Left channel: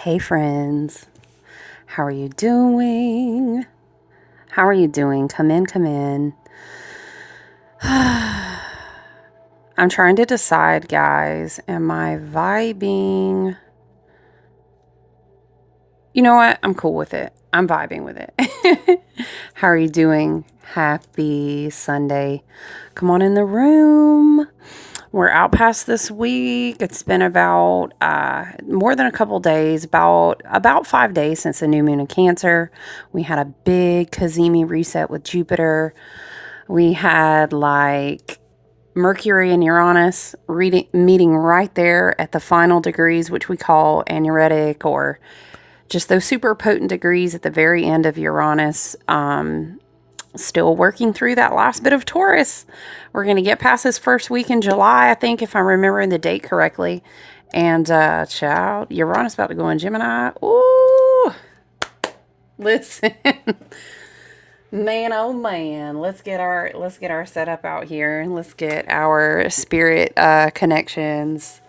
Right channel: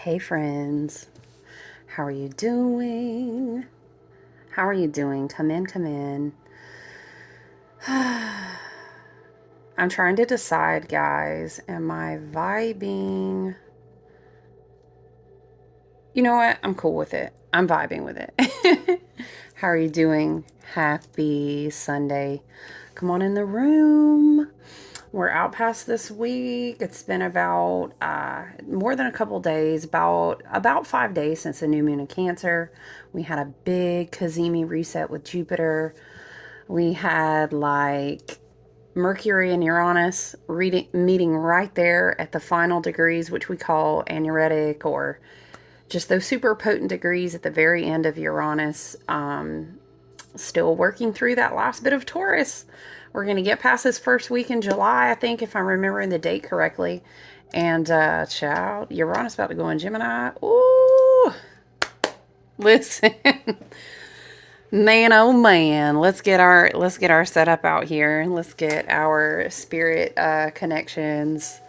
Hey friends, how are you doing? How are you doing? Come in, come in. I'm trying to decide, guys. Am I vibing? You know what? I'm cool with it. I'm vibing with it. How are you doing? Happy Sunday. Come on in the room. We're out past this week. It's been about more than a couple days, about 5 days since the new moon in Cancer. We had a big Kazemi reset with Jupiter. We had like Mercury and Uranus meeting right there at the final degrees, which we call anuretic, or just those super potent degrees at the very end of Uranus. Still working through that last bit of Taurus. We're going to get past this first week in July, I think, if I'm remembering the date correctly. And, child, Uranus about to go in Gemini. Ooh, listen, man, oh man, let's get our setup out here. Let's get our spirit connections,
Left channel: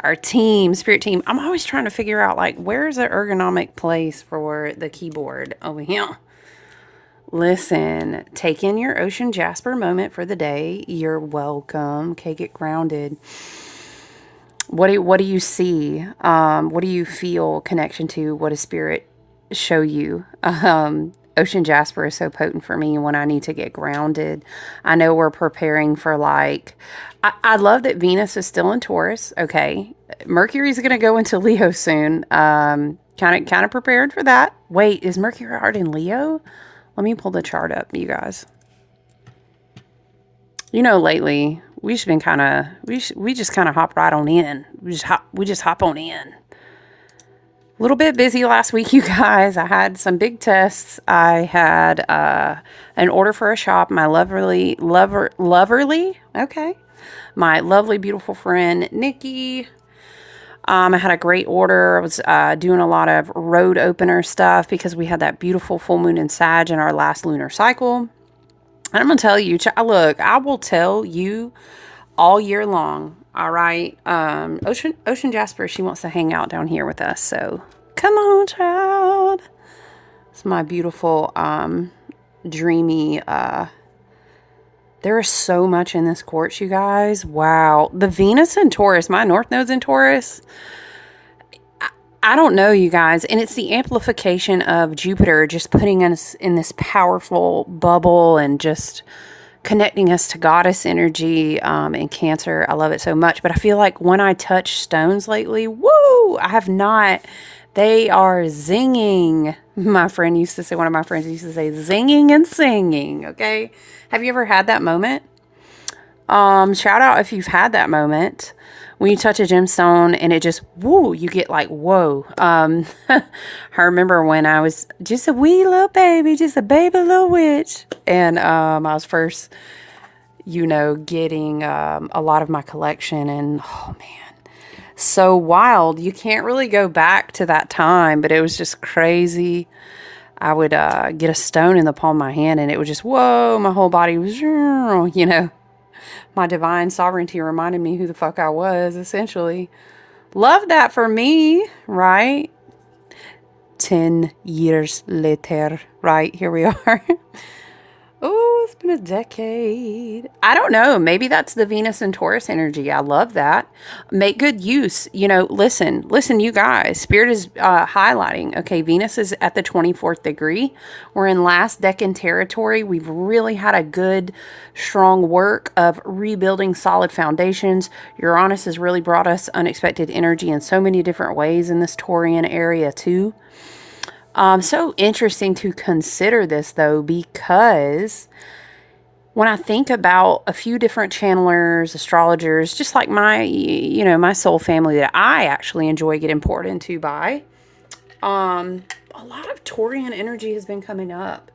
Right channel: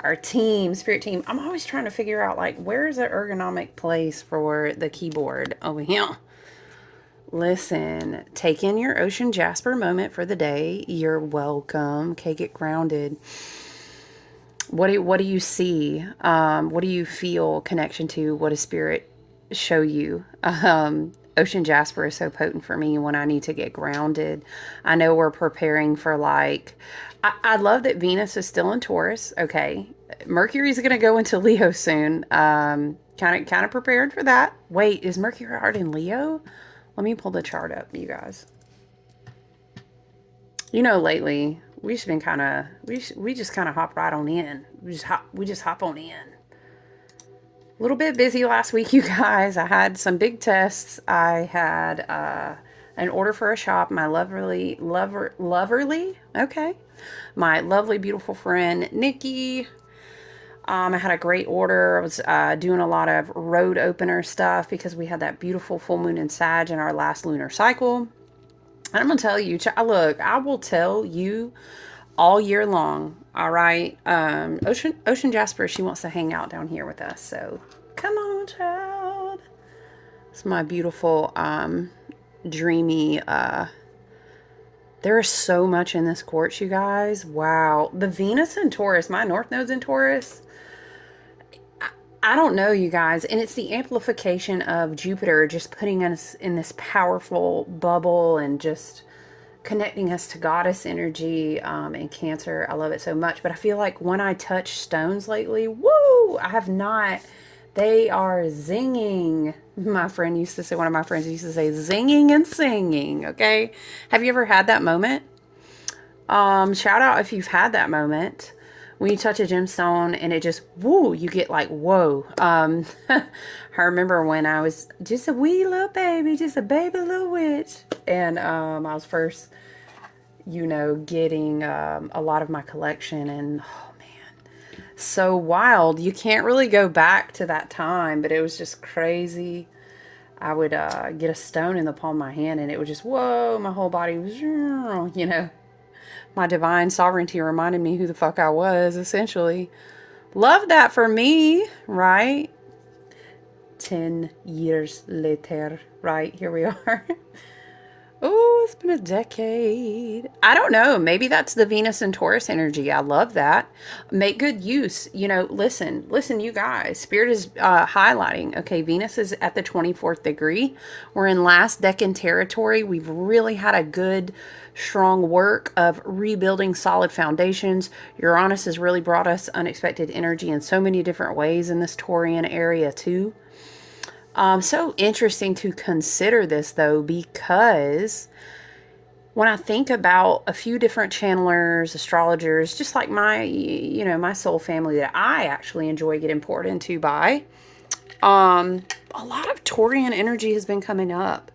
our spirit team. I'm always trying to figure out, like, where's the ergonomic place for the keyboard over here. Listen, take in your ocean jasper moment for the day. You're welcome. Okay, get grounded. What do you see? What do you feel connection to? What does spirit show you? Ocean jasper is so potent for me when I need to get grounded. I know we're preparing for I love that Venus is still in Taurus. Okay, Mercury's going to go into Leo soon. Kind of prepared for that. Wait, is Mercury already in Leo? Let me pull the chart up, you guys. You know, lately we just been we just kind of hop right on in. We just hop on in. A little bit busy last week, you guys. I had some big tests. I had an order for a shop. My loverly, okay. My lovely, beautiful friend Nikki. I had a great order. I was doing a lot of road opener stuff because we had that beautiful full moon in Sag in our last lunar cycle. And I'm going to tell you, look, I will tell you all year long. All right. Ocean Jasper, she wants to hang out down here with us. So come on, child. It's my beautiful, dreamy, there is so much in this quartz, you guys. Wow. The Venus in Taurus, my North Node's in Taurus. I don't know, you guys. And it's the amplification of Jupiter just putting us in this powerful bubble and just connecting us to goddess energy in Cancer. I love it so much. But I feel like when I touch stones lately, woo, I have not. They are zinging. One of my friends used to say, zinging and singing. Okay. Have you ever had that moment? Shout out if you've had that moment when you touch a gemstone and it just, woo, you get like, whoa. I remember when I was just a wee little baby, just a baby little witch. And, I was first, getting, a lot of my collection, and oh man, so wild. You can't really go back to that time, but it was just crazy. I would get a stone in the palm of my hand and it was just, whoa, my whole body was, my divine sovereignty reminded me who the fuck I was, essentially. Love that for me, right? 10 years later, right? Here we are. Oh, it's been a decade. I don't know. Maybe that's the Venus and Taurus energy. I love that. Make good use. Listen, you guys. Spirit is highlighting. Okay, Venus is at the 24th degree. We're in last decan territory. We've really had a good, strong work of rebuilding solid foundations. Uranus has really brought us unexpected energy in so many different ways in this Taurian area too. So interesting to consider this though, because when I think about a few different channelers, astrologers, just like my soul family that I actually enjoy getting poured into by, a lot of Taurian energy has been coming up.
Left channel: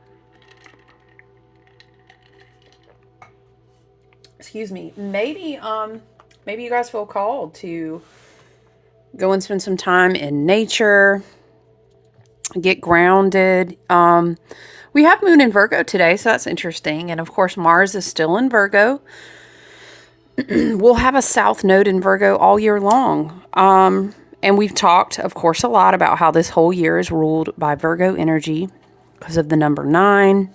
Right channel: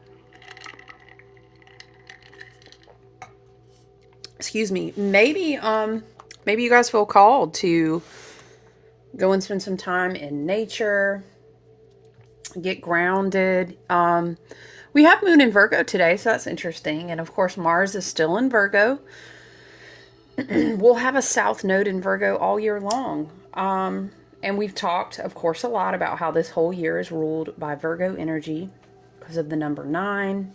Excuse me. Maybe you guys feel called to go and spend some time in nature, get grounded. We have moon in Virgo today, so that's interesting. And of course, Mars is still in Virgo. We'll have a south node in Virgo all year long. And we've talked, of course, a lot about how this whole year is ruled by Virgo energy because of the number 9.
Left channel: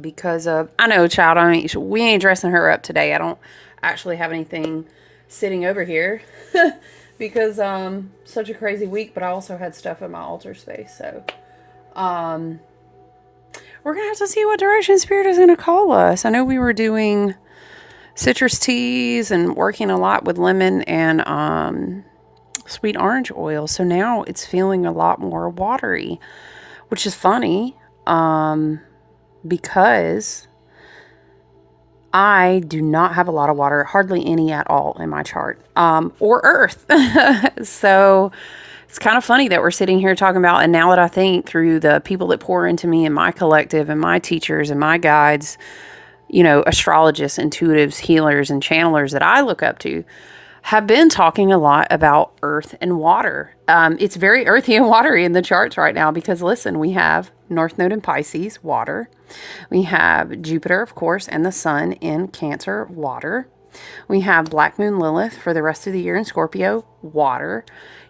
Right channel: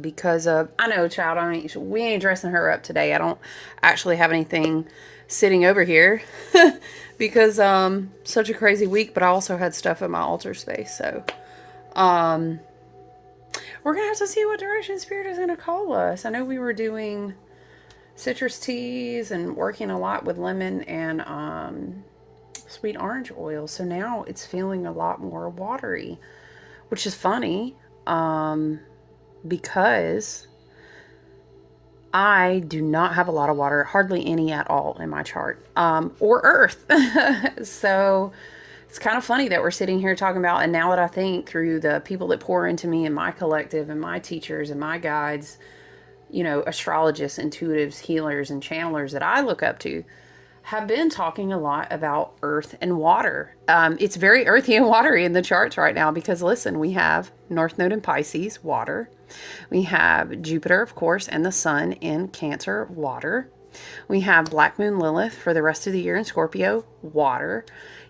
Because of, I know, child, we ain't dressing her up today. I don't actually have anything sitting over here because such a crazy week, but I also had stuff in my altar space. So we're going to have to see what direction Spirit is going to call us. I know we were doing citrus teas and working a lot with lemon and sweet orange oil. So now it's feeling a lot more watery, which is funny because I do not have a lot of water, hardly any at all in my chart, or earth. So it's kind of funny that we're sitting here talking about, and now that I think through the people that pour into me and my collective and my teachers and my guides, you know, astrologists, intuitives, healers, and channelers that I look up to, have been talking a lot about earth and water. It's very earthy and watery in the charts right now because, listen, we have North Node in Pisces, water. We have Jupiter, of course, and the Sun in Cancer, water. We have Black Moon Lilith for the rest of the year in Scorpio, water.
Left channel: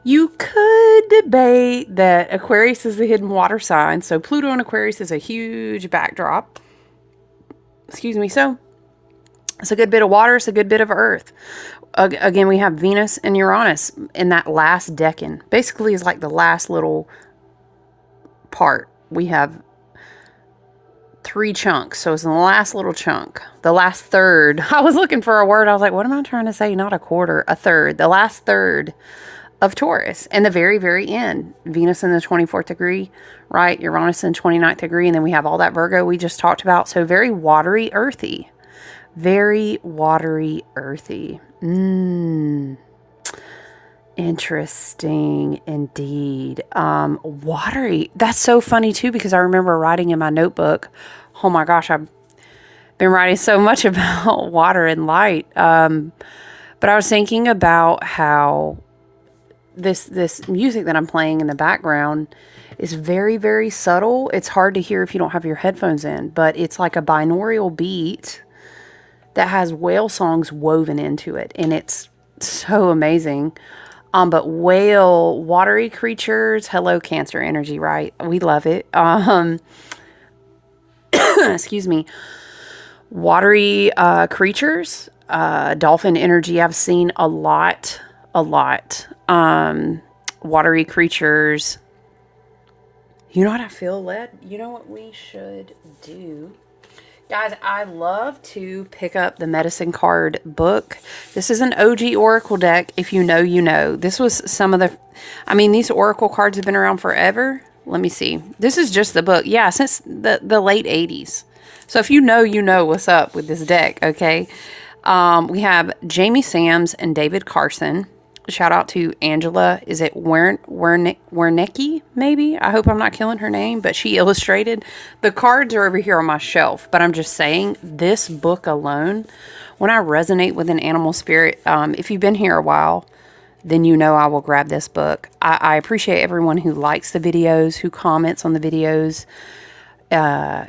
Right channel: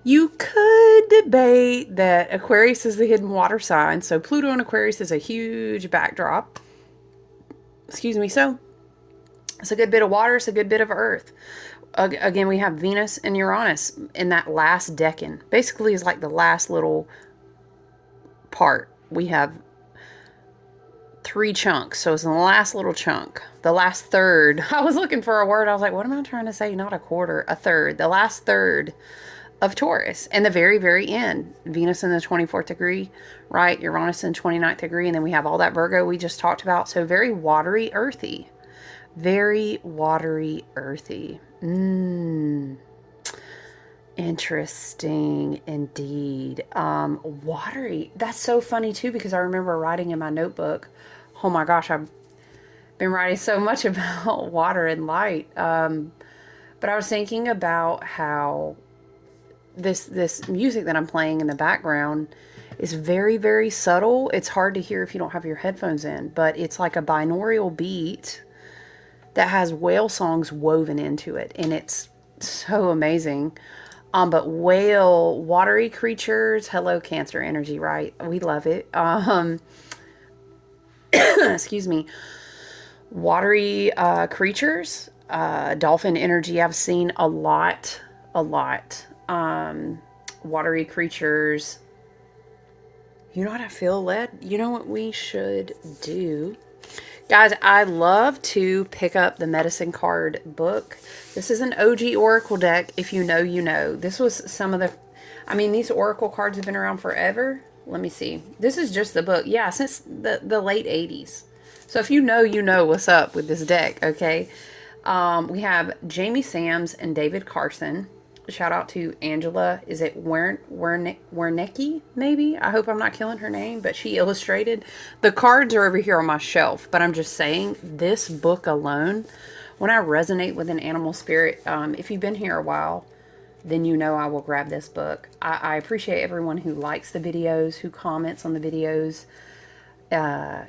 You could debate that Aquarius is the hidden water sign, so Pluto in Aquarius is a huge backdrop. Excuse me, so it's a good bit of water, it's a good bit of earth. Again, we have Venus and Uranus in that last decan. Basically, is like the last little part. We have 3 chunks. So it's the last little chunk. The last third. I was looking for a word. I was like, what am I trying to say? Not a quarter. A third. The last third of Taurus. And the very, very end. Venus in the 24th degree, right? Uranus in 29th degree. And then we have all that Virgo we just talked about. So very watery, earthy. Very watery, earthy. Interesting indeed. Watery. That's so funny too, because I remember writing in my notebook. Oh my gosh, I've been writing so much about water and light. But I was thinking about how this music that I'm playing in the background is very, very subtle. It's hard to hear if you don't have your headphones in, but it's like a binaural beat that has whale songs woven into it. And it's so amazing. But whale, watery creatures, hello Cancer energy, right? We love it. Excuse me. Watery creatures, dolphin energy, I've seen a lot. Watery creatures. You know what I feel led? You know what we should do? Guys, I love to pick up the Medicine Card book. This is an OG Oracle deck. If you know, you know. This was some of the... I mean, these Oracle cards have been around forever. Let me see. This is just the book. Yeah, since the late 80s. So if you know what's up with this deck, okay? We have Jamie Sams and David Carson. Shout out to Angela. Is it Wernicke, maybe? I hope I'm not killing her name, but she illustrated. The cards are over here on my shelf, but I'm just saying this book alone, when I resonate with an animal spirit, if you've been here a while, then you know I will grab this book. I appreciate everyone who likes the videos, who comments on the videos,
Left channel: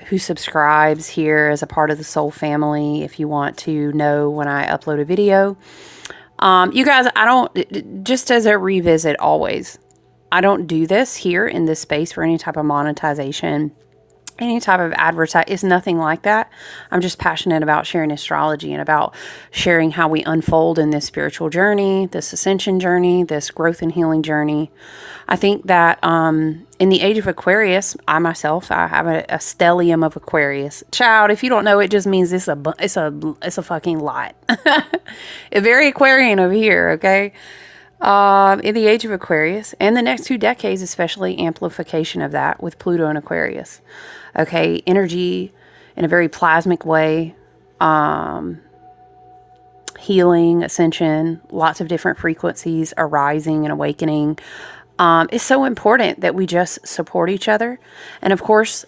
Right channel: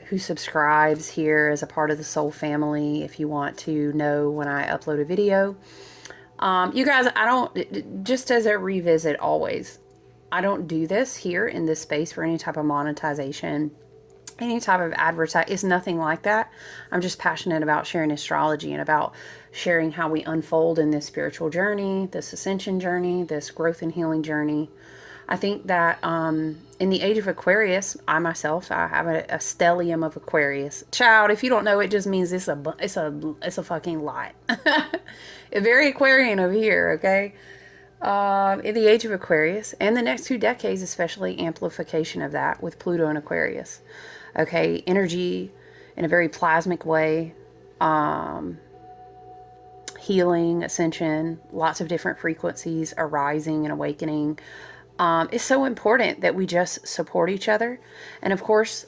who subscribes here as a part of the Soul family. If you want to know when I upload a video. You guys, I don't, just as a revisit always, I don't do this here in this space for any type of monetization, any type of advertise. It's nothing like that. I'm just passionate about sharing astrology and about sharing how we unfold in this spiritual journey, this ascension journey, this growth and healing journey. I think that in the age of Aquarius, I myself, I have a stellium of Aquarius. Child, if you don't know, it just means it's a fucking lot. It's very Aquarian over here, okay? In the age of Aquarius, and the next 2 decades, especially amplification of that with Pluto and Aquarius. Okay, energy in a very plasmic way, healing, ascension, lots of different frequencies arising and awakening. It's so important that we just support each other. And of course,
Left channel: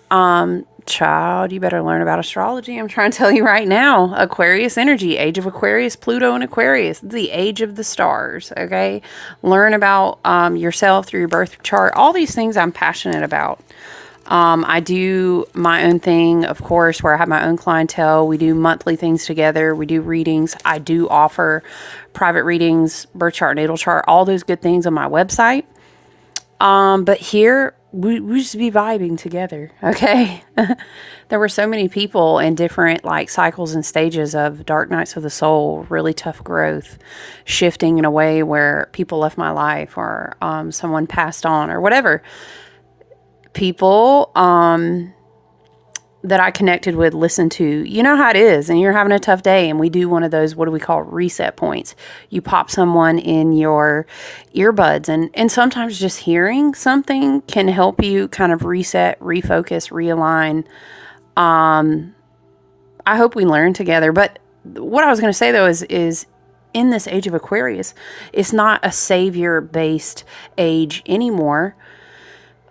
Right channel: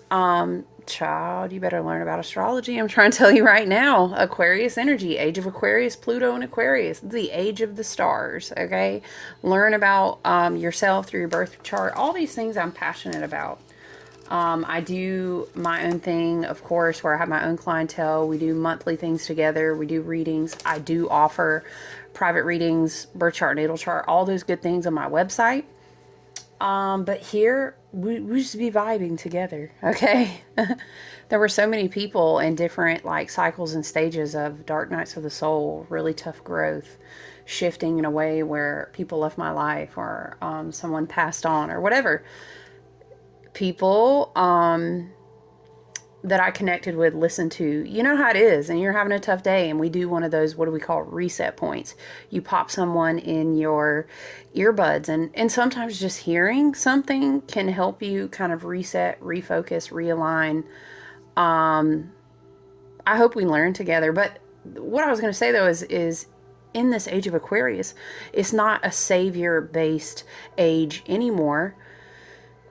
child, you better learn about astrology. I'm trying to tell you right now, Aquarius energy, age of Aquarius, Pluto and Aquarius, the age of the stars. Okay. Learn about, yourself through your birth chart. All these things I'm passionate about. I do my own thing, of course, where I have my own clientele. We do monthly things together. We do readings. I do offer private readings, birth chart, natal chart, all those good things on my website. But here we just be vibing together. Okay. There were so many people in different like cycles and stages of dark nights of the soul, really tough growth, shifting in a way where people left my life or, someone passed on or whatever. People, that I connected with listened to, you know how it is, and you're having a tough day, and we do one of those, what do we call, reset points. You pop someone in your earbuds, and sometimes just hearing something can help you kind of reset, refocus, realign. I hope we learn together. But what I was going to say, though, is in this age of Aquarius, it's not a savior-based age anymore.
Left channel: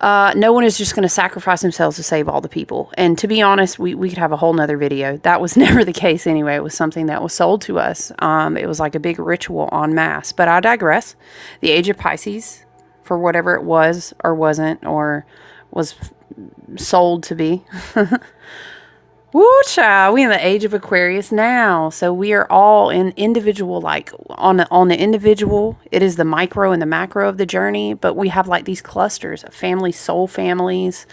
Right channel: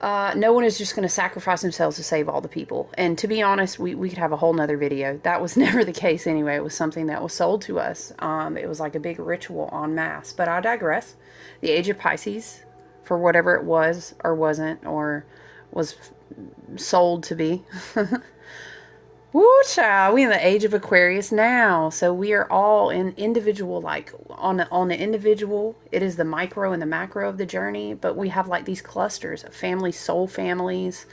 No one is just going to sacrifice themselves to save all the people. And to be honest, we could have a whole nother video. That was never the case anyway. It was something that was sold to us. It was like a big ritual en masse. But I digress. The age of Pisces, for whatever it was or wasn't or was sold to be. Woo, child, we in the age of Aquarius now. So we are all in individual, like on the individual, it is the micro and the macro of the journey, but we have like these clusters of families, soul families,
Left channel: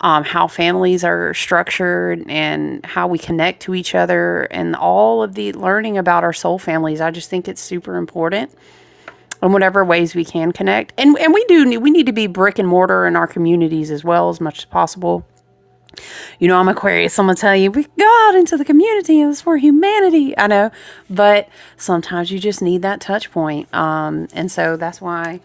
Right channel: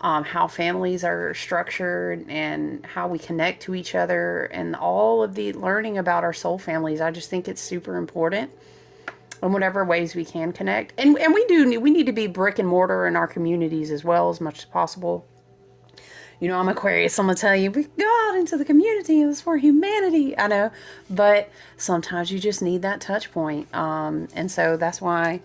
how families are structured and how we connect to each other and all of the learning about our soul families. I just think it's super important in whatever ways we can connect. And we need to be brick and mortar in our communities as well as much as possible. You know, I'm Aquarius. I'm going to tell you, we go out into the community and it's for humanity. I know, but sometimes you just need that touch point. And so that's why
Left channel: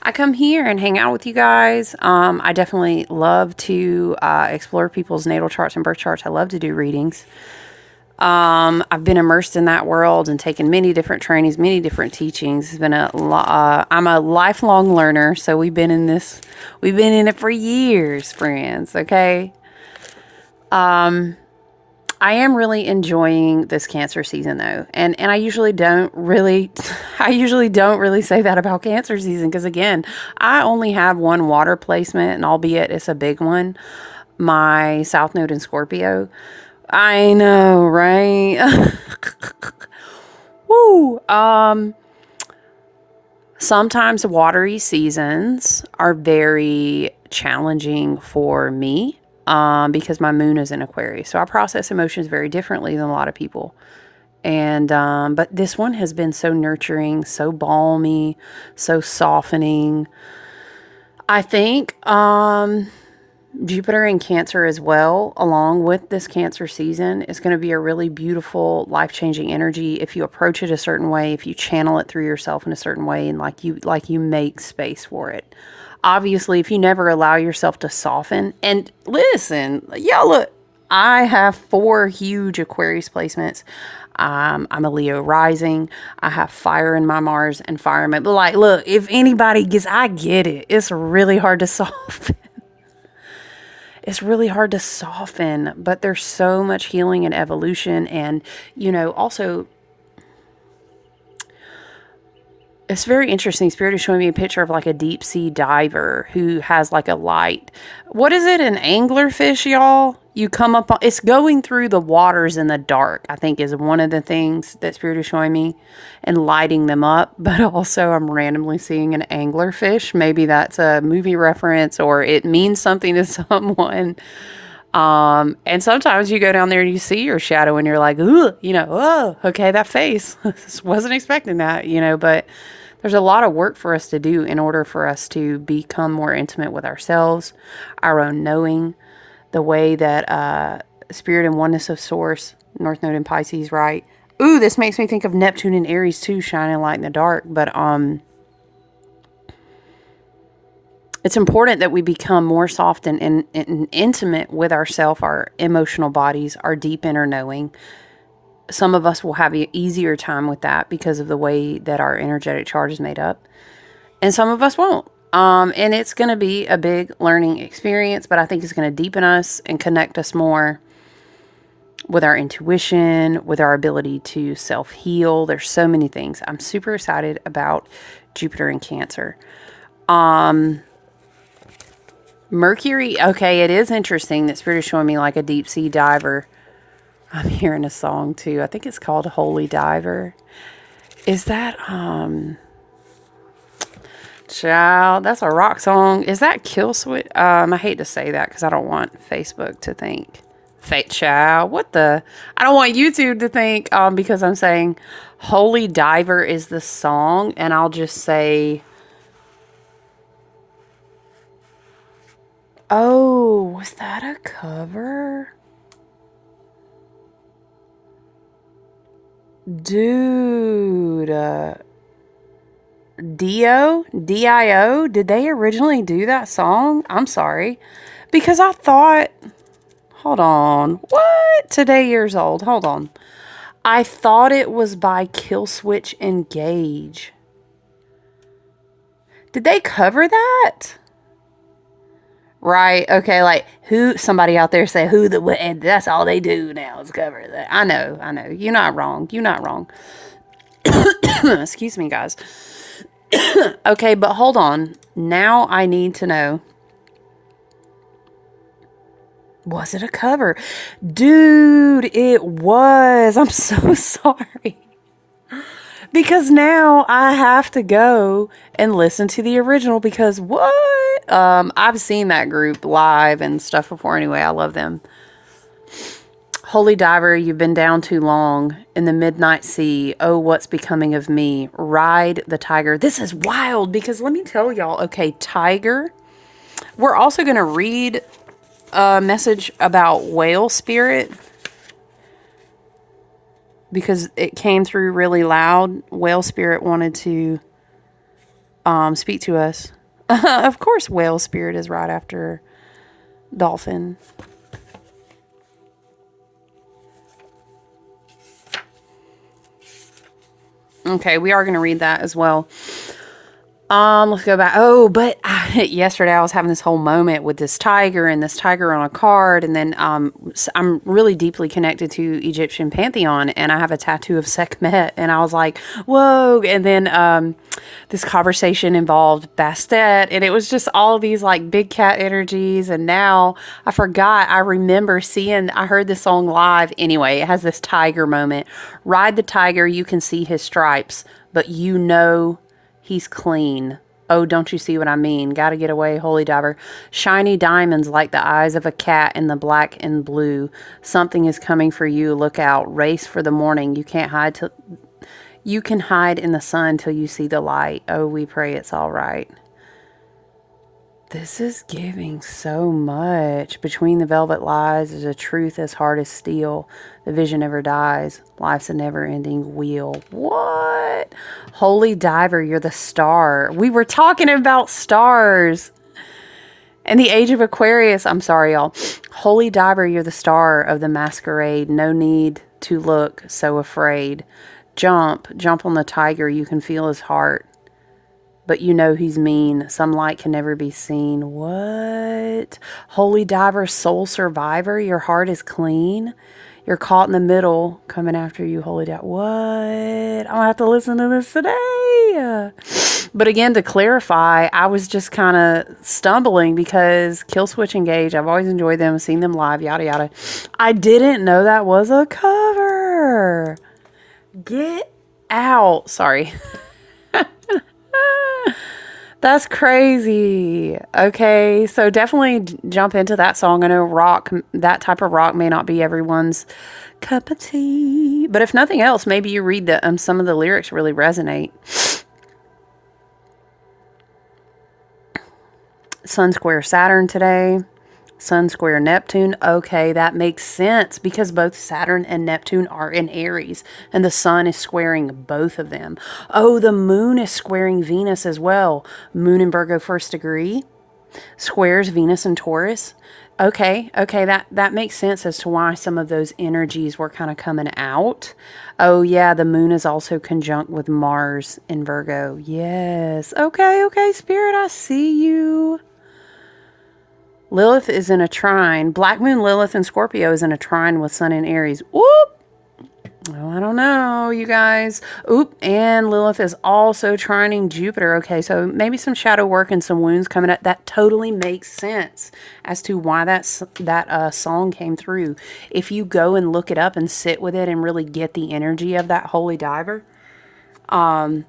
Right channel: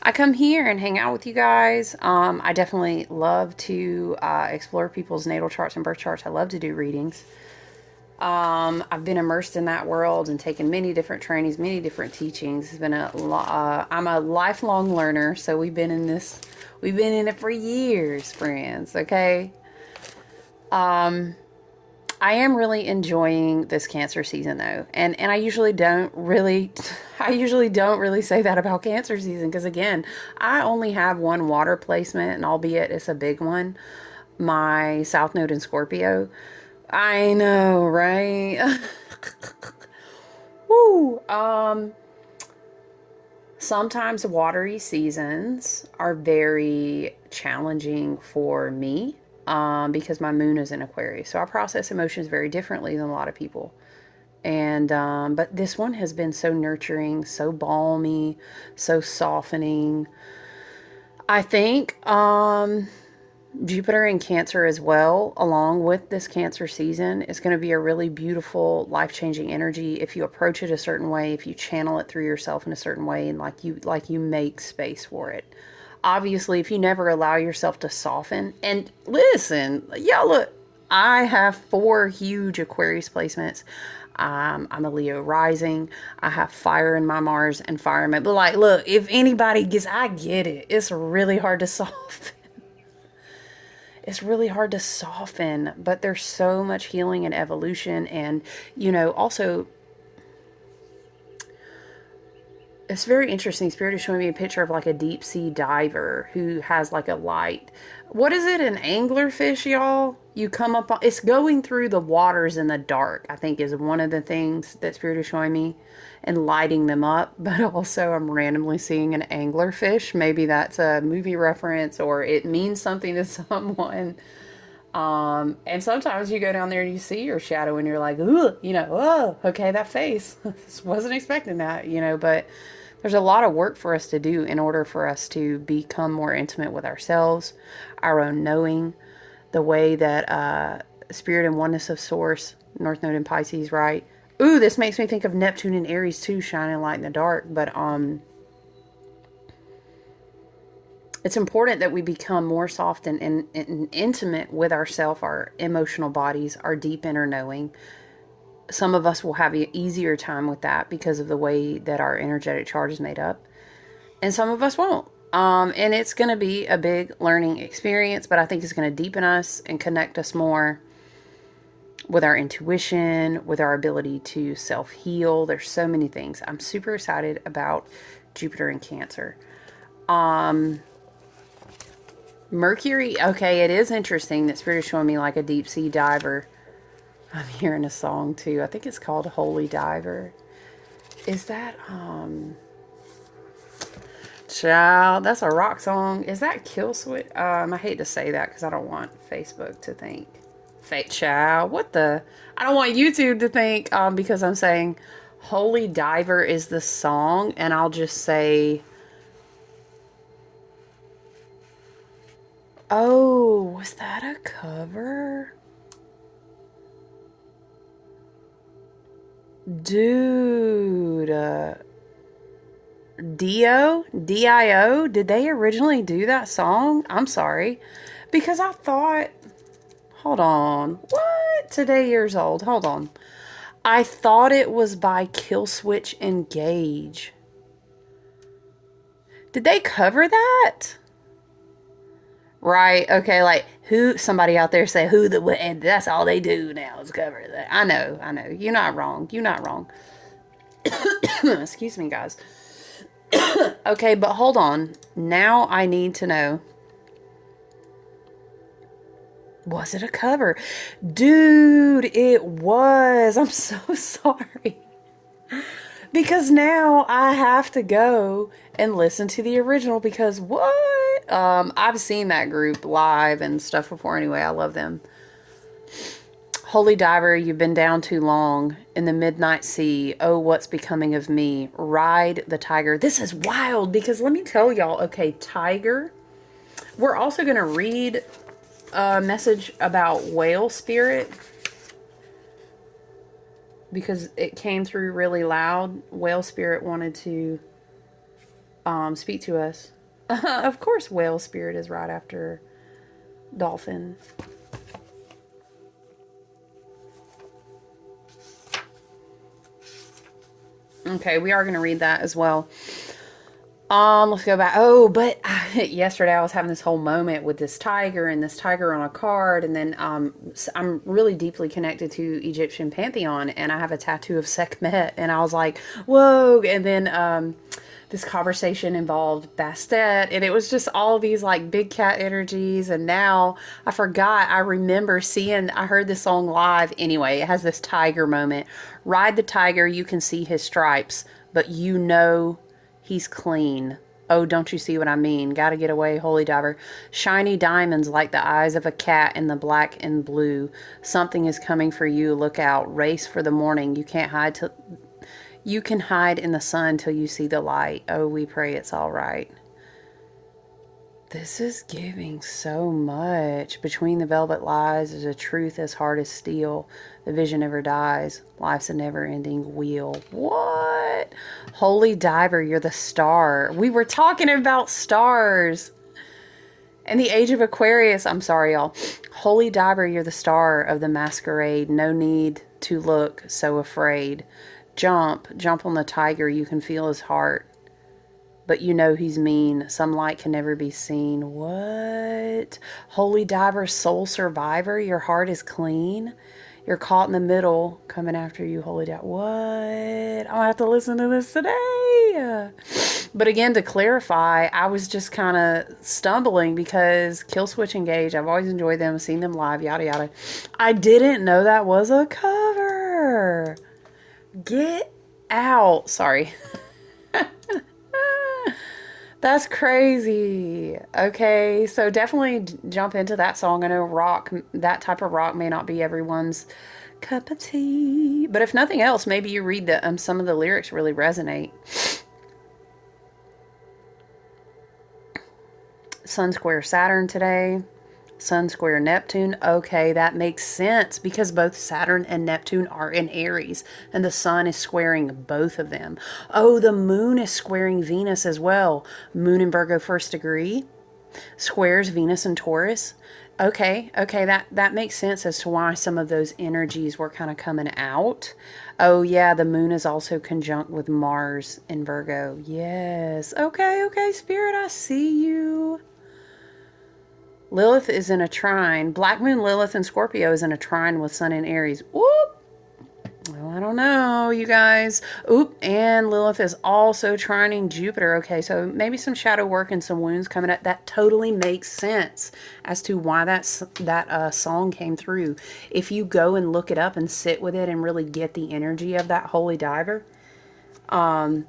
I come here and hang out with you guys. I definitely love to explore people's natal charts and birth charts. I love to do readings. I've been immersed in that world and taken many different trainings, many different teachings. It's been I'm a lifelong learner. So we've been in it for years, friends. Okay. I am really enjoying this Cancer season though. And I usually don't really say that about Cancer season. Cause again, I only have one water placement and albeit it's a big one, my South Node in Scorpio. I know, right? Woo. Sometimes watery seasons are very challenging for me. Because my moon is in Aquarius. So I process emotions very differently than a lot of people. And, but this one has been so nurturing, so balmy, so softening. I think, Jupiter in Cancer as well, along with this Cancer season, is going to be a really beautiful, life-changing energy if you approach it a certain way, if you channel it through yourself in a certain way, and like you make space for it. Obviously, if you never allow yourself to soften, and listen, y'all look, I have 4 huge Aquarius placements. I'm a Leo rising. I have fire in my Mars and fire in my, but like, look, if anybody gets, I get it. It's really hard to soften. It's really hard to soften, but there's so much healing and evolution. And, you know, also, it's very interesting. Spirit is showing me a picture of like a deep sea diver who has like a light. What is it? An anglerfish, y'all? You come up on, it's going through the waters in the dark, I think is one of the things that Spirit is showing me, and lighting them up. But also I'm randomly seeing an anglerfish. Maybe that's a movie reference or it means something to someone. And sometimes you go down there and you see your shadow and you're like, ooh, you know, oh, okay, that face. Wasn't expecting that, you know, but there's a lot of work for us to do in order for us to become more intimate with ourselves, our own knowing, the way that Spirit and oneness of Source, North Node in Pisces, right? Ooh, this makes me think of Neptune and Aries too, shining light in the dark. But it's important that we become more soft and intimate with ourselves, our emotional bodies, our deep inner knowing. Some of us will have an easier time with that because of the way that our energetic chart is made up. And some of us won't. And it's going to be a big learning experience, but I think it's going to deepen us and connect us more with our intuition, with our ability to self-heal. There's so many things. I'm super excited about Jupiter in Cancer. Mercury, okay, it is interesting that Spirit is showing me like a deep sea diver. I'm hearing a song too. I think it's called Holy Diver. Is that, child, that's a rock song. Is that Kill Switch? I hate to say that because I don't want Facebook to think. Fate child, what the? I don't want YouTube to think, because I'm saying Holy Diver is the song, and I'll just say, oh, was that a cover? Dude, Dio, did they originally do that song? I'm sorry. Because I thought, hold on, what? Today years old, hold on. I thought it was by Killswitch Engage. Did they cover that? Right, okay, like, who, somebody out there say who the, and that's all they do now is cover that. I know, you're not wrong, Excuse me, guys. Okay, but hold on. Now I need to know. Was it a cover? Dude, it was. I'm so sorry. Because now I have to go and listen to the original because what? I've seen that group live and stuff before anyway. I love them. Holy Diver, you've been down too long in the midnight sea. Oh, what's becoming of me? Ride the tiger. This is wild because let me tell y'all, okay, tiger. We're also going to read a message about whale spirit because it came through really loud. Whale spirit wanted to speak to us. Of course, whale spirit is right after dolphin. Okay, we are going to read that as well. Let's go back. Oh, but yesterday I was having this whole moment with this tiger and this tiger on a card. And then I'm really deeply connected to Egyptian pantheon and I have a tattoo of Sekhmet. And I was like, whoa. And then this conversation involved Bastet. And it was just all of these like big cat energies. And now I forgot. I remember I heard this song live. Anyway, it has this tiger moment. Ride the tiger. You can see his stripes, but you know he's clean. Oh, don't you see what I mean? Gotta get away, Holy Diver. Shiny diamonds like the eyes of a cat in the black and blue. Something is coming for you. Look out. Race for the morning. You can't hide you can hide in the sun till you see the light. Oh, we pray it's all right. This is giving so much. Between the velvet lies is a truth as hard as steel. The vision never dies. Life's a never-ending wheel. What? Holy Diver, you're the star. We were talking about stars. And the age of Aquarius, I'm sorry, y'all. Holy Diver, you're the star of the masquerade. No need to look so afraid. Jump on the tiger. You can feel his heart. But you know he's mean. Some light can never be seen. What? Holy Diver, soul survivor, your heart is clean. You're caught in the middle, coming after you, Holy Diver. What? I'll have to listen to this today. But again, to clarify, I was just kind of stumbling because Killswitch Engage, I've always enjoyed them, seen them live, yada, yada. I didn't know that was a cover. Get out. Sorry. That's crazy. Okay, so definitely jump into that song. I know that type of rock may not be everyone's cup of tea, but if nothing else, maybe you read that some of the lyrics really resonate. Sun square Saturn today. Sun square Neptune. Okay, that makes sense because both Saturn and Neptune are in Aries and the sun is squaring both of them. Oh, the moon is squaring Venus as well. Moon in Virgo first degree squares Venus and Taurus. Okay, that makes sense as to why some of those energies were kind of coming out. Oh yeah, the moon is also conjunct with Mars in Virgo. Yes. Okay, Spirit, I see you. Lilith is in a trine. Black Moon Lilith in Scorpio is in a trine with Sun in Aries. Whoop! Oh, I don't know, you guys. Oop, and Lilith is also trining Jupiter. Okay, so maybe some shadow work and some wounds coming up. That totally makes sense as to why that song came through. If you go and look it up and sit with it and really get the energy of that Holy Diver. Child,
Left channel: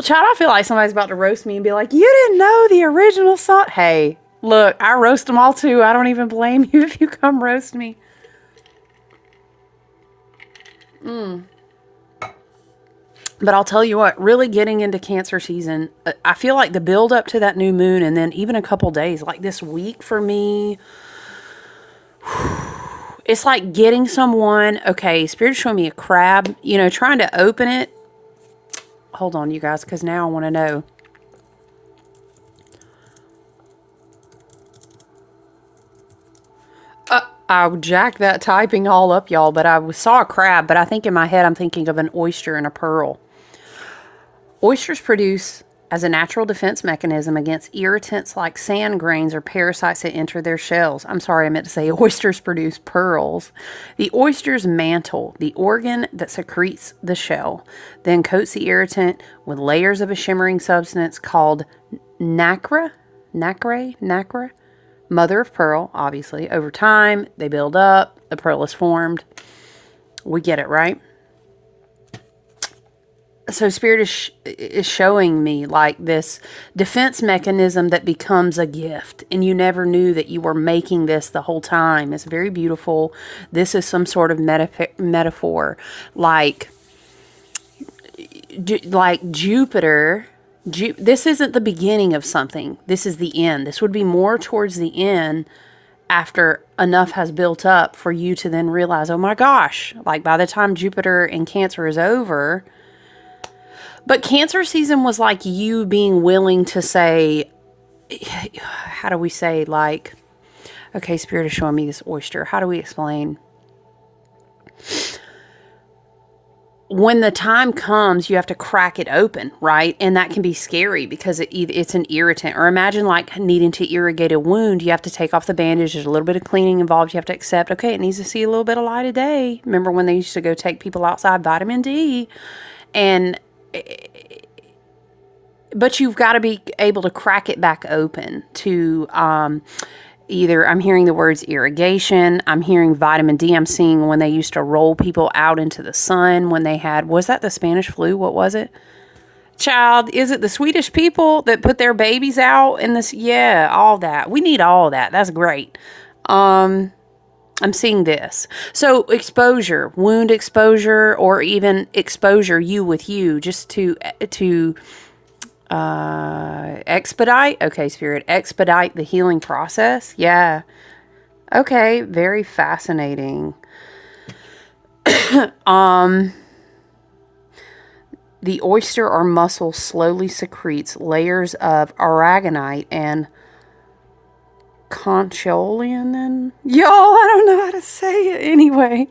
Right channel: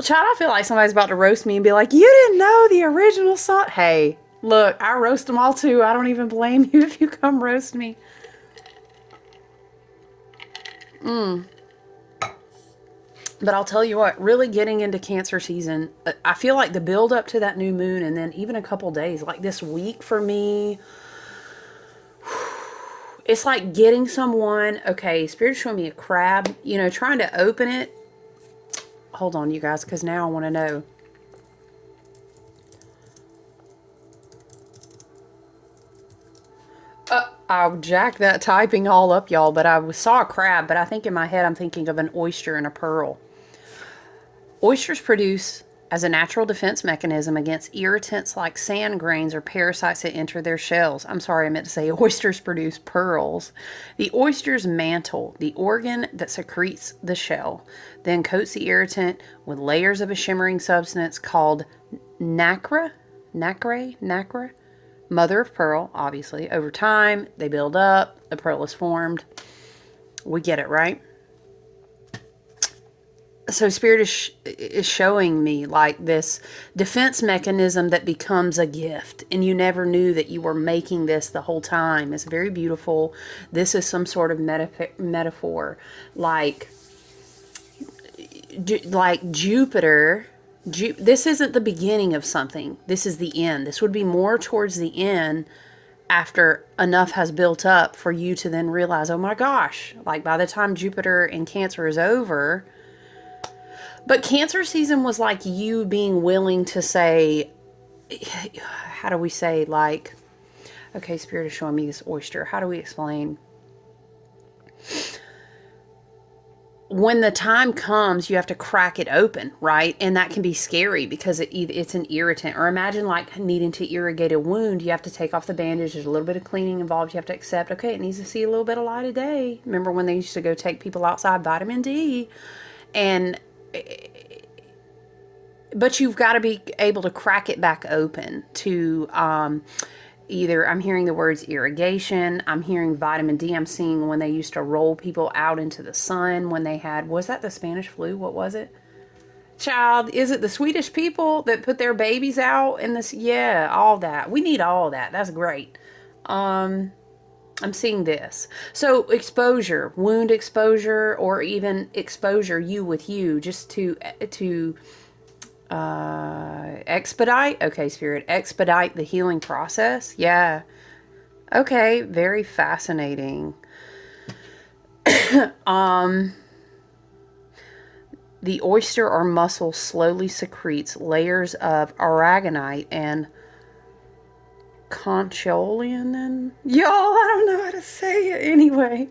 I feel like somebody's about to roast me and be like, you didn't know the original song. Hey, look, I roast them all too. I don't even blame you if you come roast me. But I'll tell you what, really getting into Cancer season, I feel like the build up to that new moon and then even a couple days, like this week for me, it's like getting someone, okay, Spirit's showing me a crab, you know, trying to open it. Hold on, you guys, because now I want to know. I'll jack that typing all up, y'all, but I saw a crab, but I think in my head I'm thinking of an oyster and a pearl. Oysters produce as a natural defense mechanism against irritants like sand grains or parasites that enter their shells. I'm sorry, I meant to say oysters produce pearls. The oyster's mantle, the organ that secretes the shell, then coats the irritant with layers of a shimmering substance called nacre, mother of pearl, obviously. Over time, they build up, the pearl is formed. We get it, right? So Spirit is showing me like this defense mechanism that becomes a gift, and you never knew that you were making this the whole time. It's very beautiful. This is some sort of metaphor, like Jupiter. This isn't the beginning of something. This is the end. This would be more towards the end, after enough has built up for you to then realize, oh my gosh, like by the time Jupiter in Cancer is over. But Cancer season was like you being willing to say, how do we say, like, okay, Spirit is showing me this oyster. How do we explain? When the time comes, you have to crack it open, right? And that can be scary because it's an irritant. Or imagine like needing to irrigate a wound. You have to take off the bandage. There's a little bit of cleaning involved. You have to accept, okay, it needs to see a little bit of light of day. Remember when they used to go take people outside, vitamin D? And but you've got to be able to crack it back open to either, I'm hearing the words irrigation, I'm hearing vitamin D, I'm seeing when they used to roll people out into the sun when they had, was that the Spanish flu? What was it? Child, is it the Swedish people that put their babies out in this? Yeah, all that. We need all that. That's great. I'm seeing this. So exposure, wound exposure, or even exposure you with you, just to expedite. Okay, Spirit, expedite the healing process. Yeah. Okay, very fascinating. The oyster or mussel slowly secretes layers of aragonite and concholein. Y'all, I don't know how to say it anyway.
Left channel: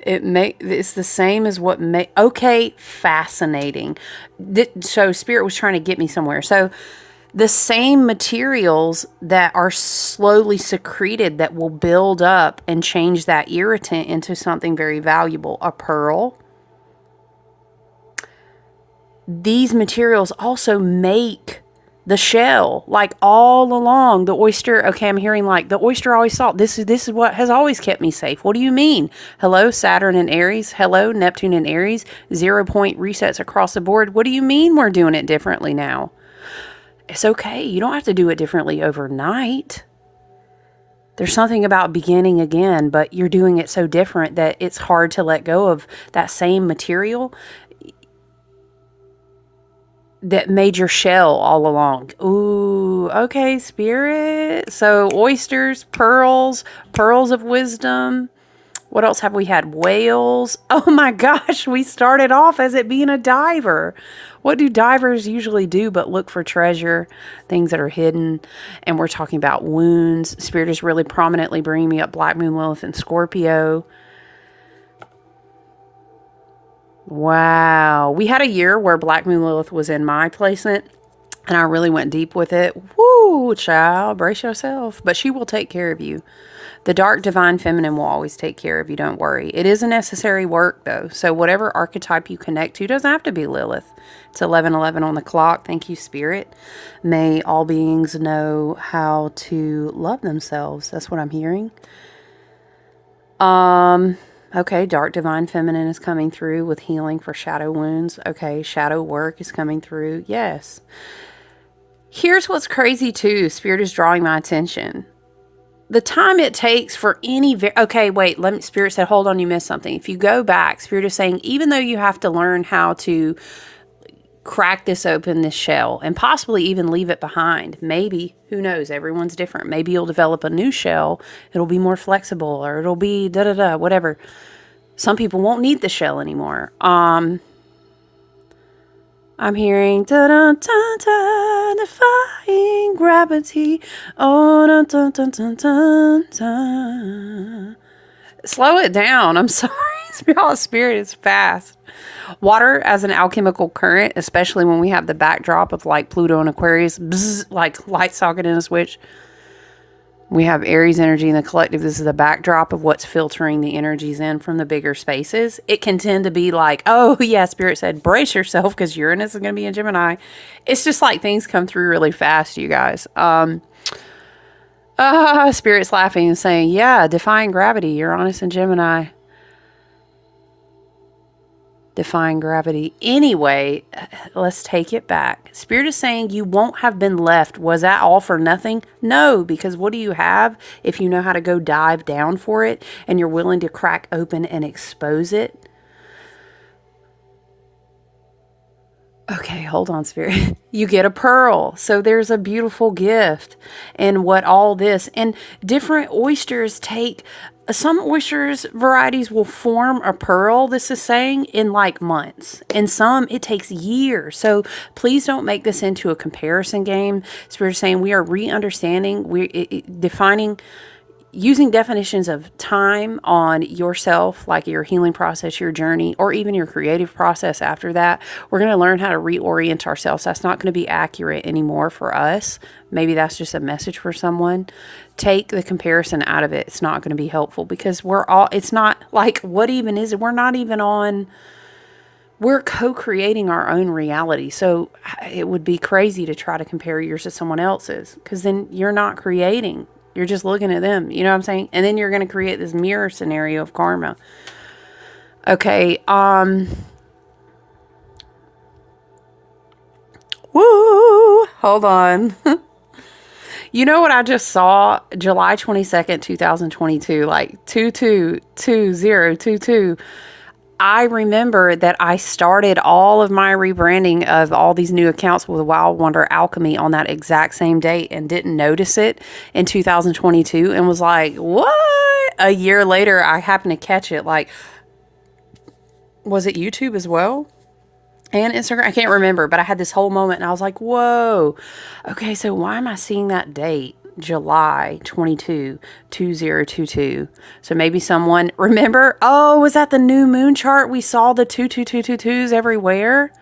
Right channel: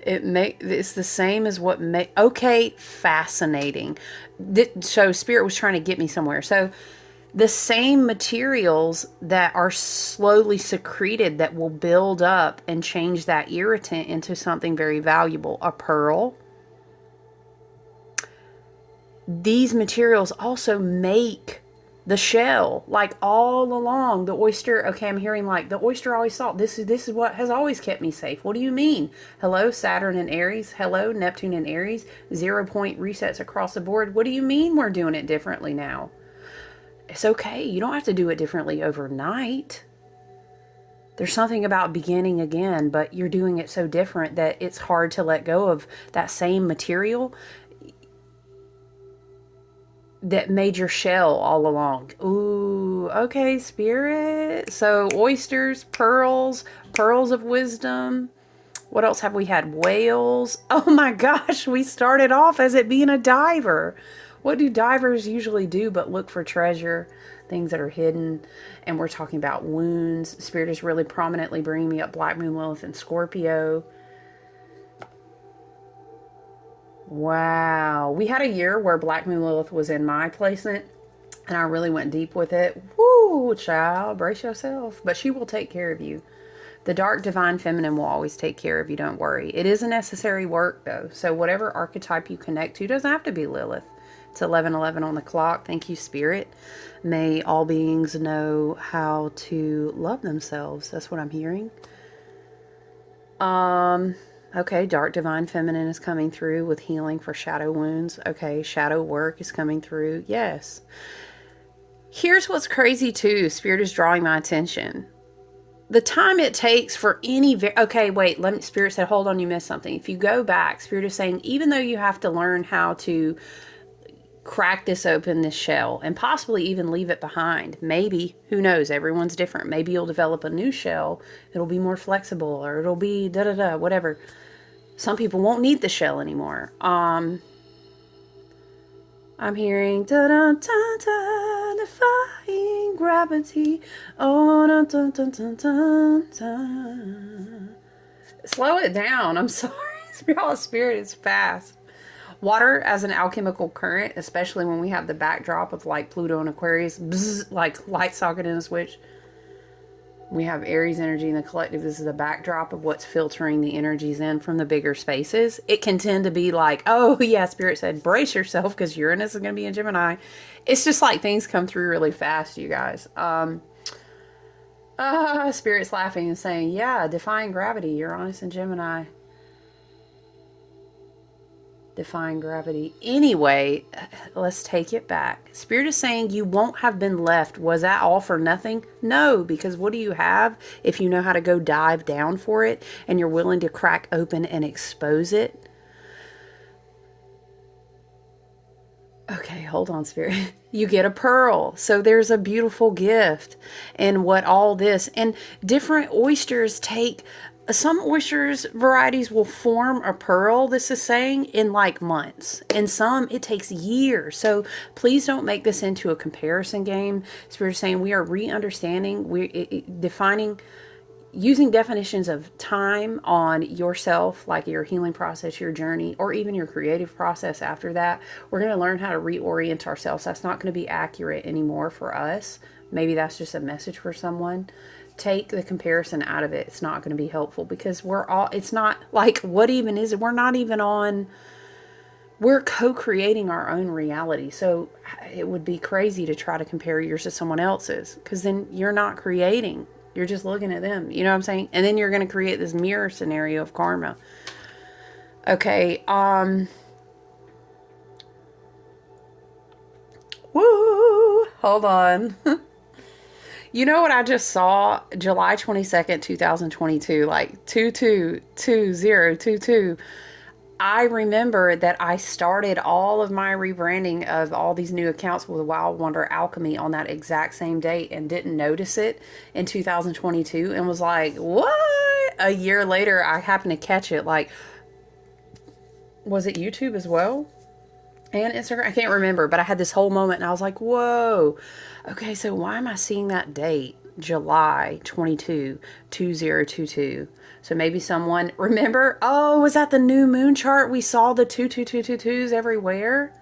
It's the same as what okay, fascinating. So Spirit was trying to get me somewhere. So the same materials that are slowly secreted that will build up and change that irritant into something very valuable, a pearl. These materials also make the shell, like all along the oyster. Okay, I'm hearing like the oyster always thought this is what has always kept me safe. What do you mean? Hello, Saturn and Aries. Hello, Neptune and Aries. 0 point resets across the board. What do you mean we're doing it differently now? It's okay. You don't have to do it differently overnight. There's something about beginning again, but you're doing it so different that it's hard to let go of that same material that made your shell all along. Ooh, okay, Spirit. So oysters, pearls of wisdom. What else have we had? Whales. Oh my gosh, we started off as it being a diver. What do divers usually do but look for treasure, things that are hidden? And we're talking about wounds. Spirit is really prominently bringing me up Black Moon, Lilith, and Scorpio. Wow. We had a year where Black Moon Lilith was in my placement, and I really went deep with it. Woo, child, brace yourself. But she will take care of you. The dark divine feminine will always take care of you, don't worry. It is a necessary work, though. So whatever archetype you connect to doesn't have to be Lilith. It's 11:11 on the clock. Thank you, Spirit. May all beings know how to love themselves. That's what I'm hearing. Okay, dark divine feminine is coming through with healing for shadow wounds. Okay, shadow work is coming through. Yes. Here's what's crazy too. Spirit is drawing my attention. The time it takes for any... okay, wait. Spirit said, hold on, you missed something. If you go back, Spirit is saying, even though you have to learn how to crack this open, this shell, and possibly even leave it behind. Maybe, who knows, everyone's different. Maybe you'll develop a new shell. It'll be more flexible, or it'll be da-da-da, whatever. Some people won't need the shell anymore. I'm hearing da-da-da-da, defying gravity. Oh, da-da-da-da-da. Slow it down. I'm sorry. Y'all, Spirit is fast. Water as an alchemical current, especially when we have the backdrop of like Pluto and Aquarius, bzz, like light socket in a switch. We have Aries energy in the collective. This is the backdrop of what's filtering the energies in from the bigger spaces. It can tend to be like, oh yeah, Spirit said, brace yourself because Uranus is going to be in Gemini. It's just like things come through really fast, you guys. Spirit's laughing and saying, yeah, defying gravity, Uranus and Gemini. Defying gravity. Anyway, let's take it back. Spirit is saying you won't have been left. Was that all for nothing? No, because what do you have if you know how to go dive down for it and you're willing to crack open and expose it? Okay, hold on, Spirit. You get a pearl. So there's a beautiful gift. And what all this, and different oysters take... Some oysters varieties will form a pearl, this is saying, in like months. And some, it takes years. So please don't make this into a comparison game. Spirit is saying we are re-understanding, defining, using definitions of time on yourself, like your healing process, your journey, or even your creative process after that. We're going to learn how to reorient ourselves. That's not going to be accurate anymore for us. Maybe that's just a message for someone. Take the comparison out of it. It's not going to be helpful because it's not like, what even is it? We're co-creating our own reality. So it would be crazy to try to compare yours to someone else's because then you're not creating. You're just looking at them. You know what I'm saying? And then you're going to create this mirror scenario of karma. Okay. Woo! Hold on. You know what I just saw? July 22nd, 2022, like 222022. I remember that I started all of my rebranding of all these new accounts with Wild Wonder Alchemy on that exact same date and didn't notice it in 2022 and was like, what? A year later, I happened to catch it. Like, was it YouTube as well? And Instagram? I can't remember, but I had this whole moment and I was like, whoa. Okay, so why am I seeing that date? July 22, 2022. So maybe someone, remember? Oh, was that the new moon chart? We saw the 22222s everywhere.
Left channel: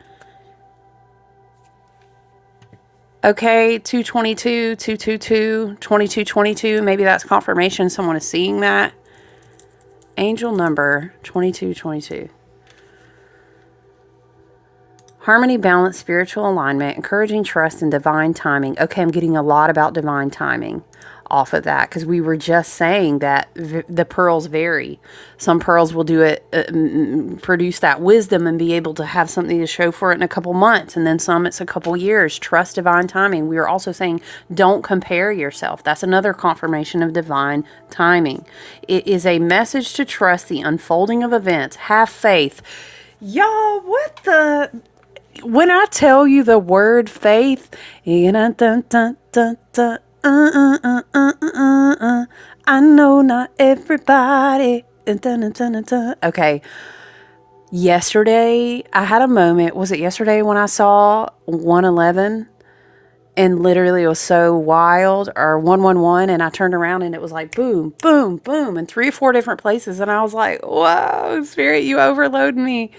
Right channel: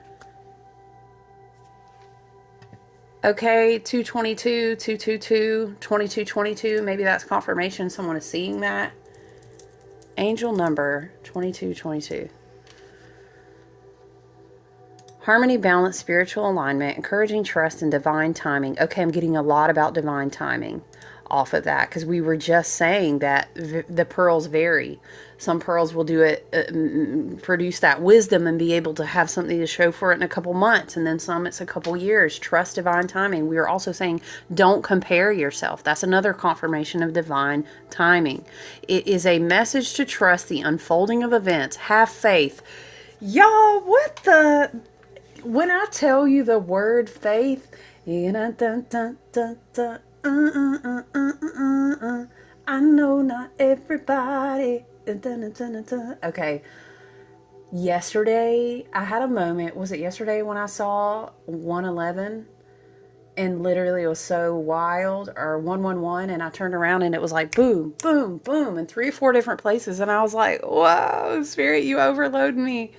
Okay, 222, 222, 2222. Maybe that's confirmation someone is seeing that. Angel number 2222. Harmony, balance, spiritual alignment, encouraging trust and divine timing. Okay, I'm getting a lot about divine timing off of that because we were just saying that the pearls vary. Some pearls will do it, produce that wisdom and be able to have something to show for it in a couple months. And then some, it's a couple years. Trust divine timing. We are also saying don't compare yourself. That's another confirmation of divine timing. It is a message to trust the unfolding of events. Have faith. Y'all, what the... When I tell you the word faith, I know not everybody. Okay. Yesterday, I had a moment. Was it yesterday when I saw 111? And literally it was so wild, or 111, and I turned around and it was like boom, boom, boom, in 3 or 4 different places. And I was like, whoa, Spirit, you overload me.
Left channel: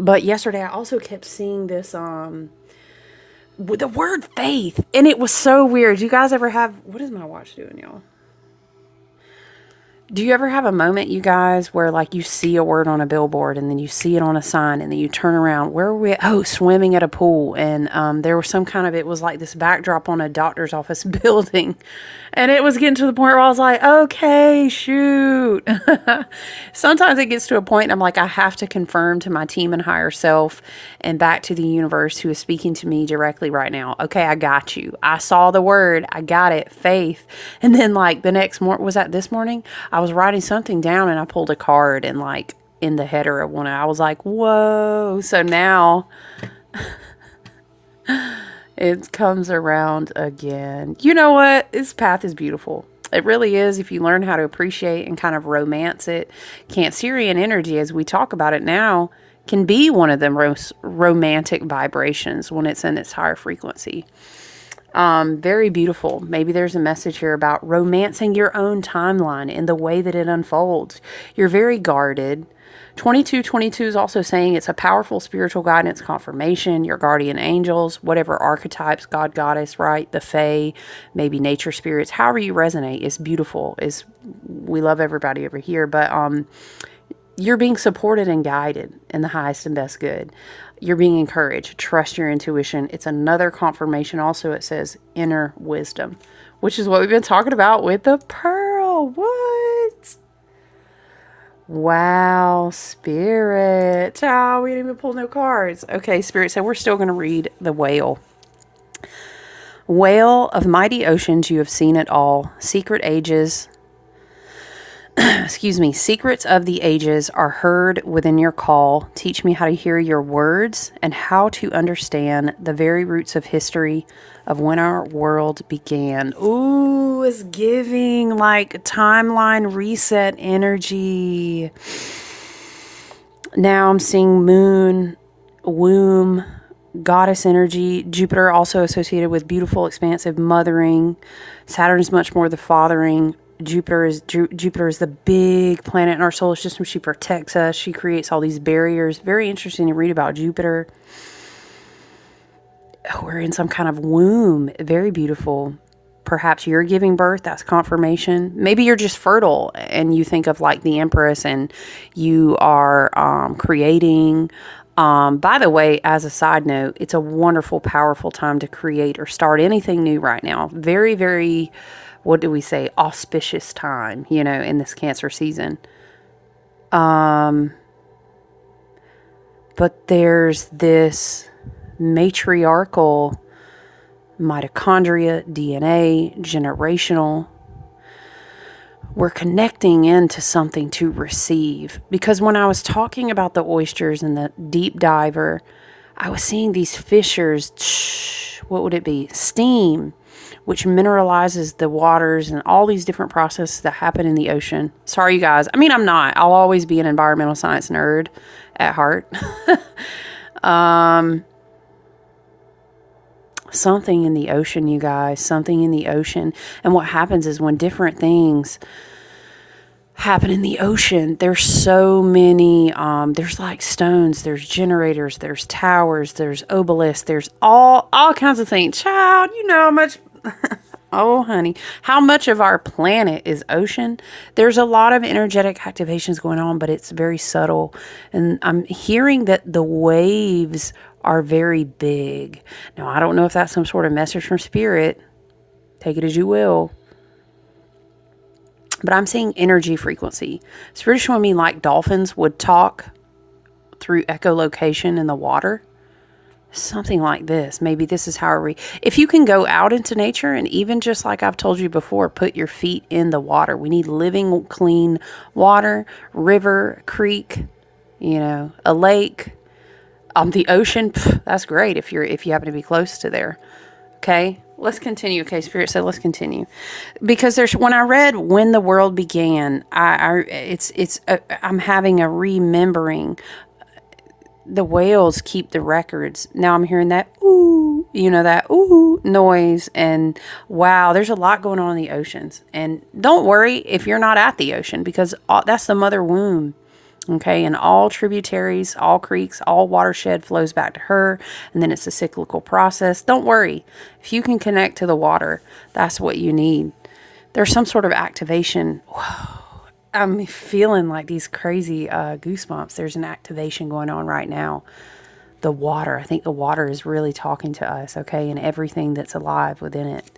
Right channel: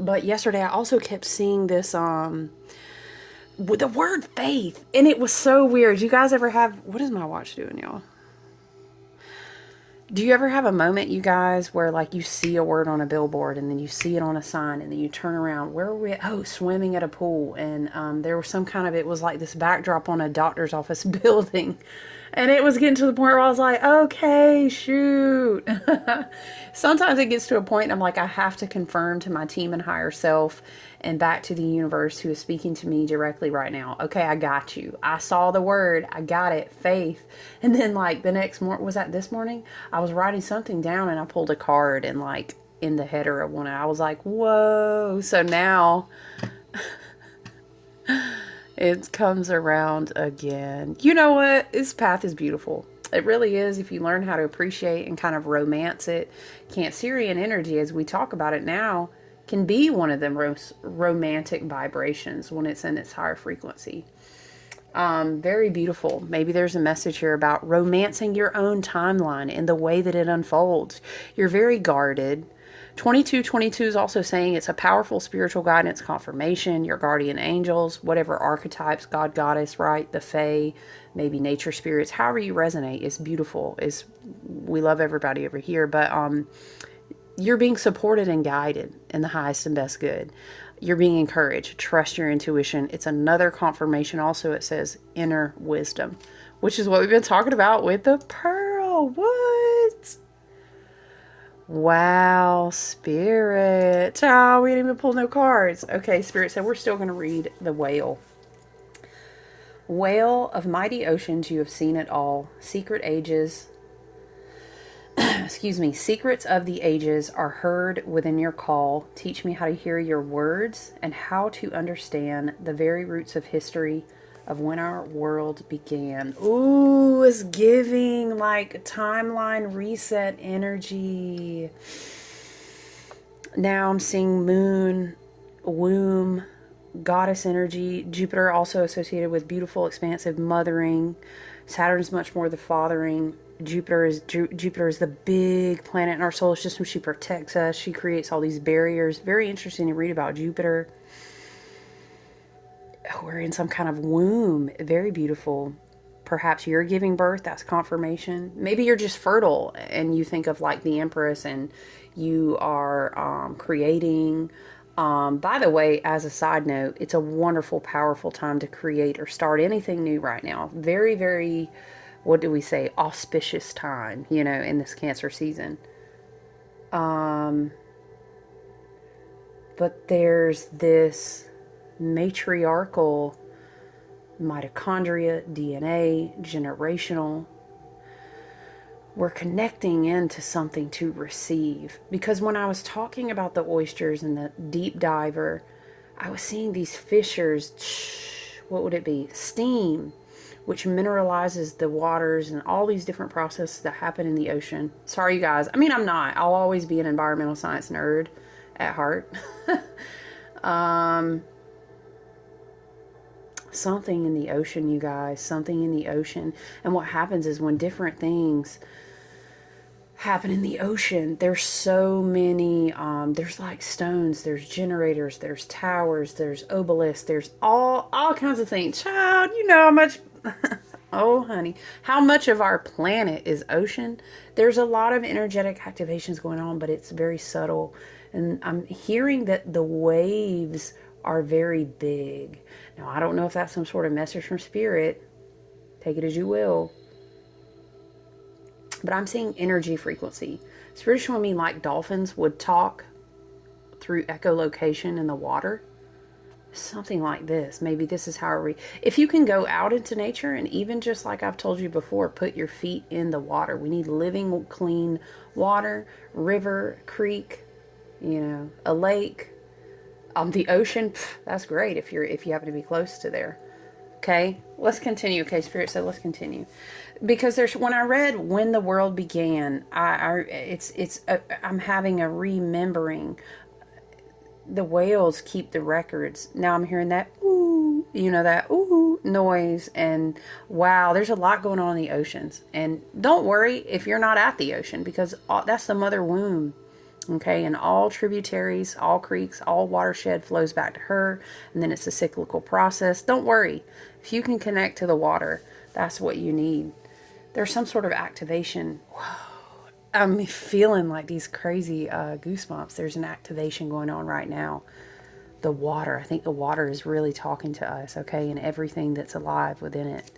But yesterday I also kept seeing this, with the word faith. And it was so weird. You guys ever have, what is my watch doing, y'all? Do you ever have a moment, you guys, where like you see a word on a billboard and then you see it on a sign and then you turn around? Where were we at? Oh, swimming at a pool. And there was some kind of, it was like this backdrop on a doctor's office building. And it was getting to the point where I was like, okay, shoot. Sometimes it gets to a point and I'm like, I have to confirm to my team and higher self and back to the universe who is speaking to me directly right now. Okay, I got you. I saw the word. I got it. Faith. And then like the next morning, was that this morning? I was writing something down and I pulled a card and like in the header of one, I was like, whoa. So now it comes around again. You know what? This path is beautiful. It really is if you learn how to appreciate and kind of romance it. Cancerian energy, as we talk about it now, can be one of the most romantic vibrations when it's in its higher frequency. Very beautiful. Maybe there's a message here about romancing your own timeline in the way that it unfolds. You're very guarded. 2222 is also saying it's a powerful spiritual guidance confirmation, your guardian angels, whatever archetypes, God, goddess, right? The fae, maybe nature spirits, however you resonate is beautiful. We love everybody over here, but you're being supported and guided in the highest and best good. You're being encouraged. Trust your intuition. It's another confirmation. Also, it says inner wisdom, which is what we've been talking about with the pearl. What? Wow, Spirit. Oh, we didn't even pull no cards. Okay, Spirit said we're still going to read the whale. Whale of mighty oceans, you have seen it all. Secret ages. Excuse me. Secrets of the ages are heard within your call. Teach me how to hear your words and how to understand the very roots of history of when our world began. Ooh, it's giving like timeline reset energy. Now I'm seeing moon, womb, goddess energy. Jupiter also associated with beautiful, expansive mothering. Saturn is much more the fathering. Jupiter is the big planet in our solar system. She protects us. She creates all these barriers. Very interesting to read about Jupiter. We're in some kind of womb. Very beautiful. Perhaps you're giving birth. That's confirmation. Maybe you're just fertile and you think of like the Empress and you are creating. By the way, as a side note, it's a wonderful, powerful time to create or start anything new right now. Very, very, what do we say? Auspicious time, in this Cancer season. But there's this matriarchal mitochondria, DNA, generational. We're connecting into something to receive. Because when I was talking about the oysters and the deep diver, I was seeing these fissures, what would it be? Steam, which mineralizes the waters and all these different processes that happen in the ocean. Sorry, you guys. I mean, I'm not. I'll always be an environmental science nerd at heart. Something in the ocean, you guys, something in the ocean. And what happens is when different things happen in the ocean, there's so many, there's like stones, there's generators, there's towers, there's obelisks, there's all kinds of things. Child, you know how much, oh honey, how much of our planet is ocean? There's a lot of energetic activations going on, but it's very subtle. And I'm hearing that the waves are very big. Now, I don't know if that's some sort of message from Spirit. Take it as you will. But I'm seeing energy frequency. Spirit showing me like dolphins would talk through echolocation in the water. Something like this. Maybe this is how if you can go out into nature and even just like I've told you before, put your feet in the water. We need living, clean water, river, creek, a lake. The ocean, that's great if you happen to be close to there. Okay, let's continue. Okay, Spirit said, let's continue. Because when I read When the World Began, I'm having a remembering. The whales keep the records. Now I'm hearing that ooh, that ooh noise. And wow, there's a lot going on in the oceans. And don't worry if you're not at the ocean, because that's the mother womb. Okay, and all tributaries, all creeks, all watershed flows back to her, and then it's a cyclical process. Don't worry. If you can connect to the water, that's what you need. There's some sort of activation. Whoa. I'm feeling like these crazy goosebumps. There's an activation going on right now. The water. I think the water is really talking to us, okay, and everything that's alive within it.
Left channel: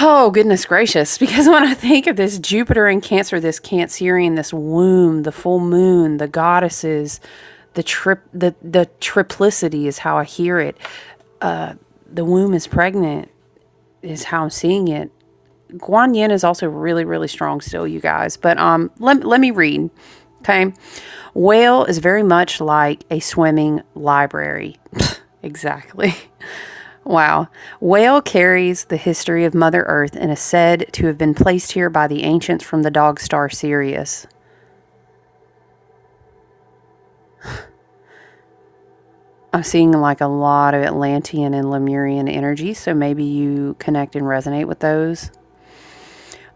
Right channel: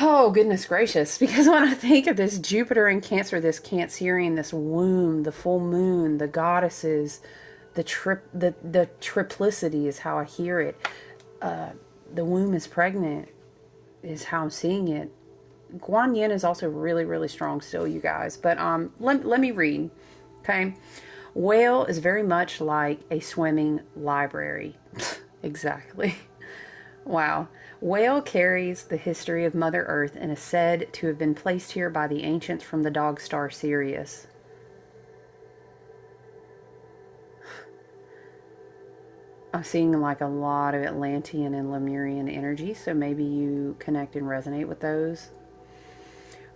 Oh, goodness gracious. Because when I think of this Jupiter in Cancer, this Cancerian, this womb, the full moon, the goddesses, the triplicity is how I hear it. The womb is pregnant is how I'm seeing it. Guan Yin is also really, really strong still, you guys. But let me read, okay? Whale is very much like a swimming library. Exactly. Wow. Whale carries the history of Mother Earth and is said to have been placed here by the ancients from the dog star Sirius. I'm seeing like a lot of Atlantean and Lemurian energy, so maybe you connect and resonate with those.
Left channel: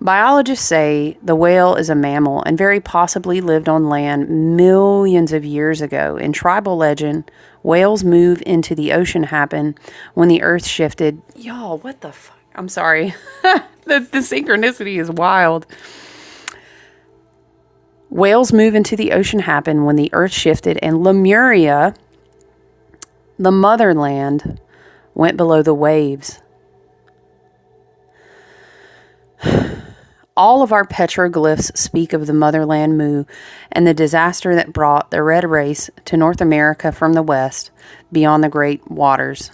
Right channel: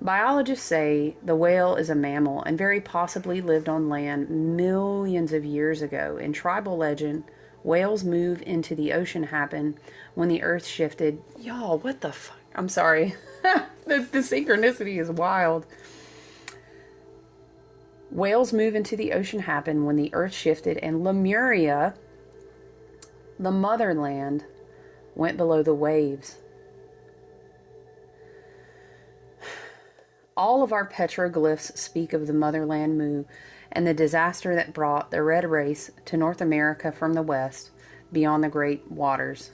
Biologists say the whale is a mammal and very possibly lived on land millions of years ago. In tribal legend, whales move into the ocean happen when the earth shifted. Y'all, what the fuck? I'm sorry. the synchronicity is wild. Whales move into the ocean happen when the earth shifted and Lemuria, the motherland, went below the waves. All of our petroglyphs speak of the motherland Mu and the disaster that brought the red race to North America from the west, beyond the great waters.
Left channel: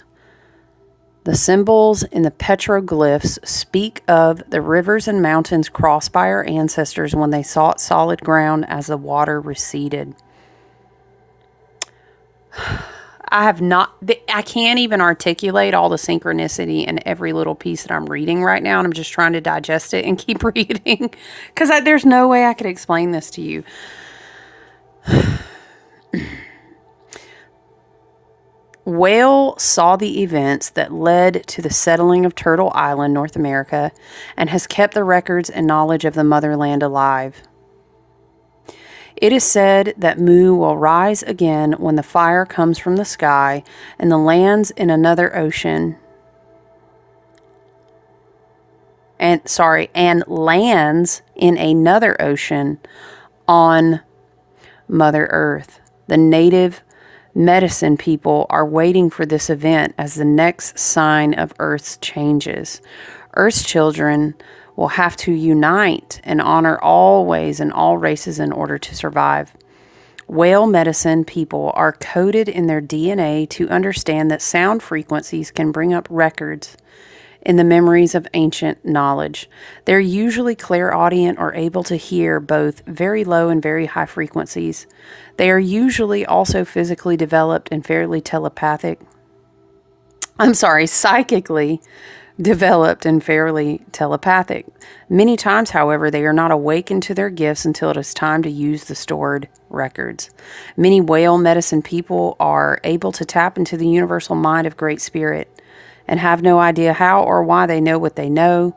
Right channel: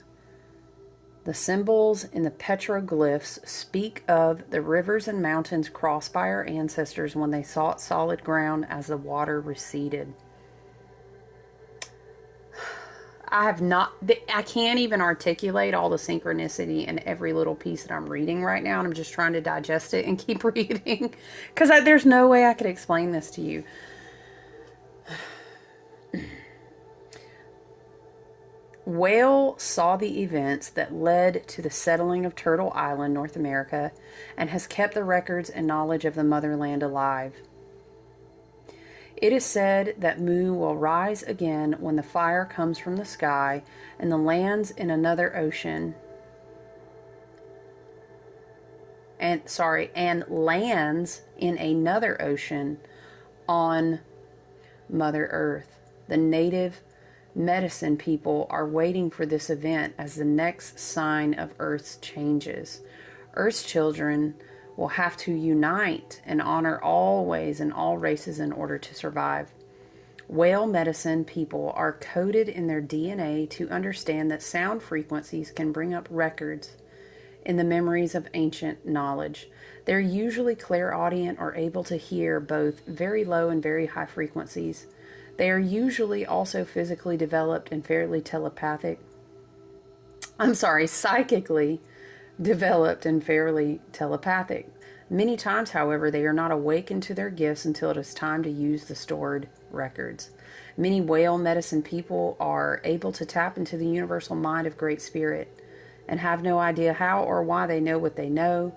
The symbols in the petroglyphs speak of the rivers and mountains crossed by our ancestors when they sought solid ground as the water receded. I can't even articulate all the synchronicity in every little piece that I'm reading right now, and I'm just trying to digest it and keep reading, because there's no way I could explain this to you. Whale saw the events that led to the settling of Turtle Island, North America, and has kept the records and knowledge of the motherland alive. It is said that Mu will rise again when the fire comes from the sky and lands in another ocean. And lands in another ocean on Mother Earth. The native medicine people are waiting for this event as the next sign of Earth's changes. Earth's children will have to unite and honor all ways and all races in order to survive. Whale medicine people are coded in their DNA to understand that sound frequencies can bring up records in the memories of ancient knowledge. They're usually clairaudient or able to hear both very low and very high frequencies. They are usually also physically developed and fairly psychically developed and fairly telepathic. Many times, however, they are not awakened to their gifts until it is time to use the stored records. Many whale medicine people are able to tap into the universal mind of Great Spirit and have no idea how or why they know what they know.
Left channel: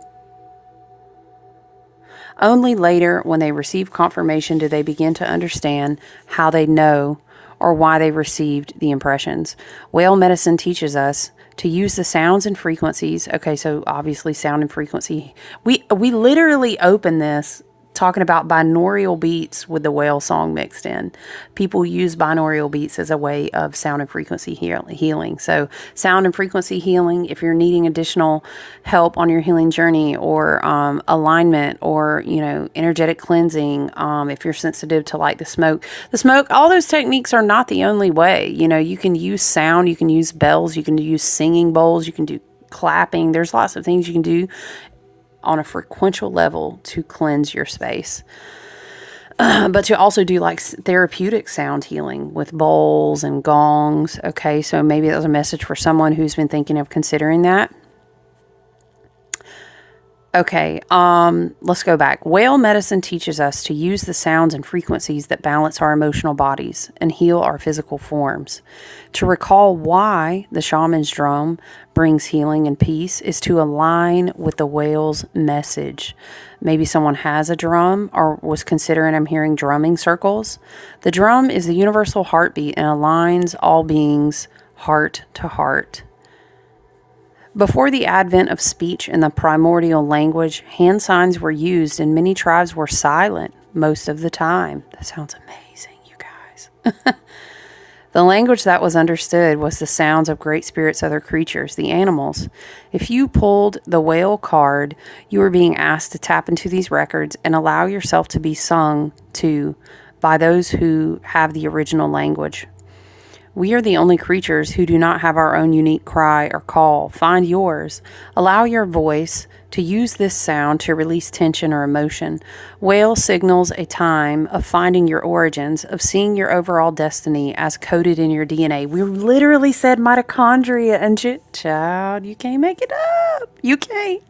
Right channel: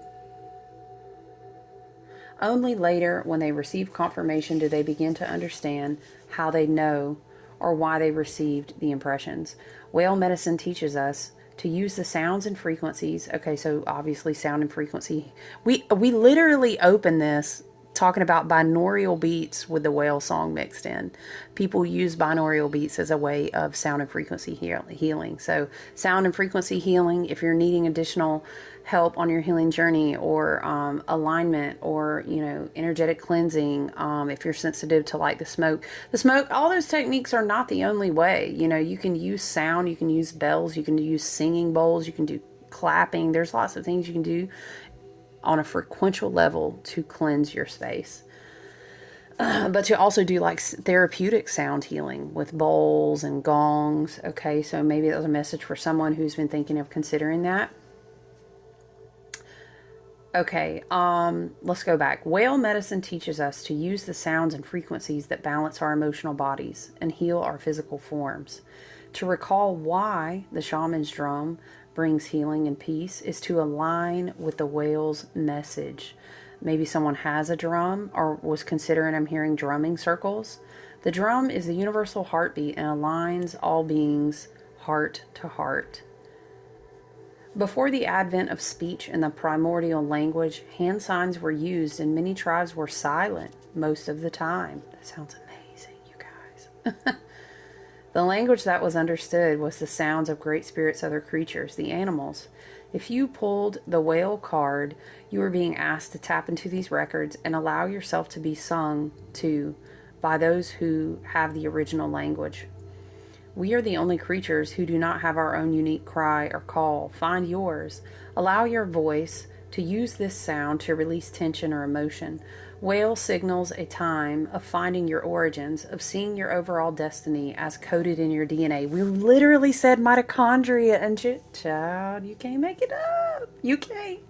Only later, when they receive confirmation, do they begin to understand how they know or why they received the impressions. Whale medicine teaches us to use the sounds and frequencies. Okay, so obviously sound and frequency. We literally open this talking about binaural beats with the whale song mixed in. People use binaural beats as a way of sound and frequency healing. So sound and frequency healing, if you're needing additional help on your healing journey, or alignment, or energetic cleansing, if you're sensitive to like the smoke, all those techniques are not the only way. You can use sound, you can use bells, you can use singing bowls, you can do clapping. There's lots of things you can do on a frequential level to cleanse your space. But to also do like therapeutic sound healing with bowls and gongs. Okay, so maybe that was a message for someone who's been thinking of considering that. Okay, let's go back. Whale medicine teaches us to use the sounds and frequencies that balance our emotional bodies and heal our physical forms. To recall why the shaman's drum brings healing and peace is to align with the whale's message. Maybe someone has a drum or was considering, I'm hearing drumming circles. The drum is the universal heartbeat and aligns all beings heart to heart. Before the advent of speech and the primordial language, hand signs were used and many tribes were silent most of the time. That sounds amazing, you guys. The language that was understood was the sounds of great spirits, other creatures, the animals. If you pulled the whale card, you were being asked to tap into these records and allow yourself to be sung to by those who have the original language. We are the only creatures who do not have our own unique cry or call. Find yours. Allow your voice to use this sound to release tension or emotion. Whale signals a time of finding your origins, of seeing your overall destiny as coded in your DNA. We literally said mitochondria, and child, you can't make it up. You can't.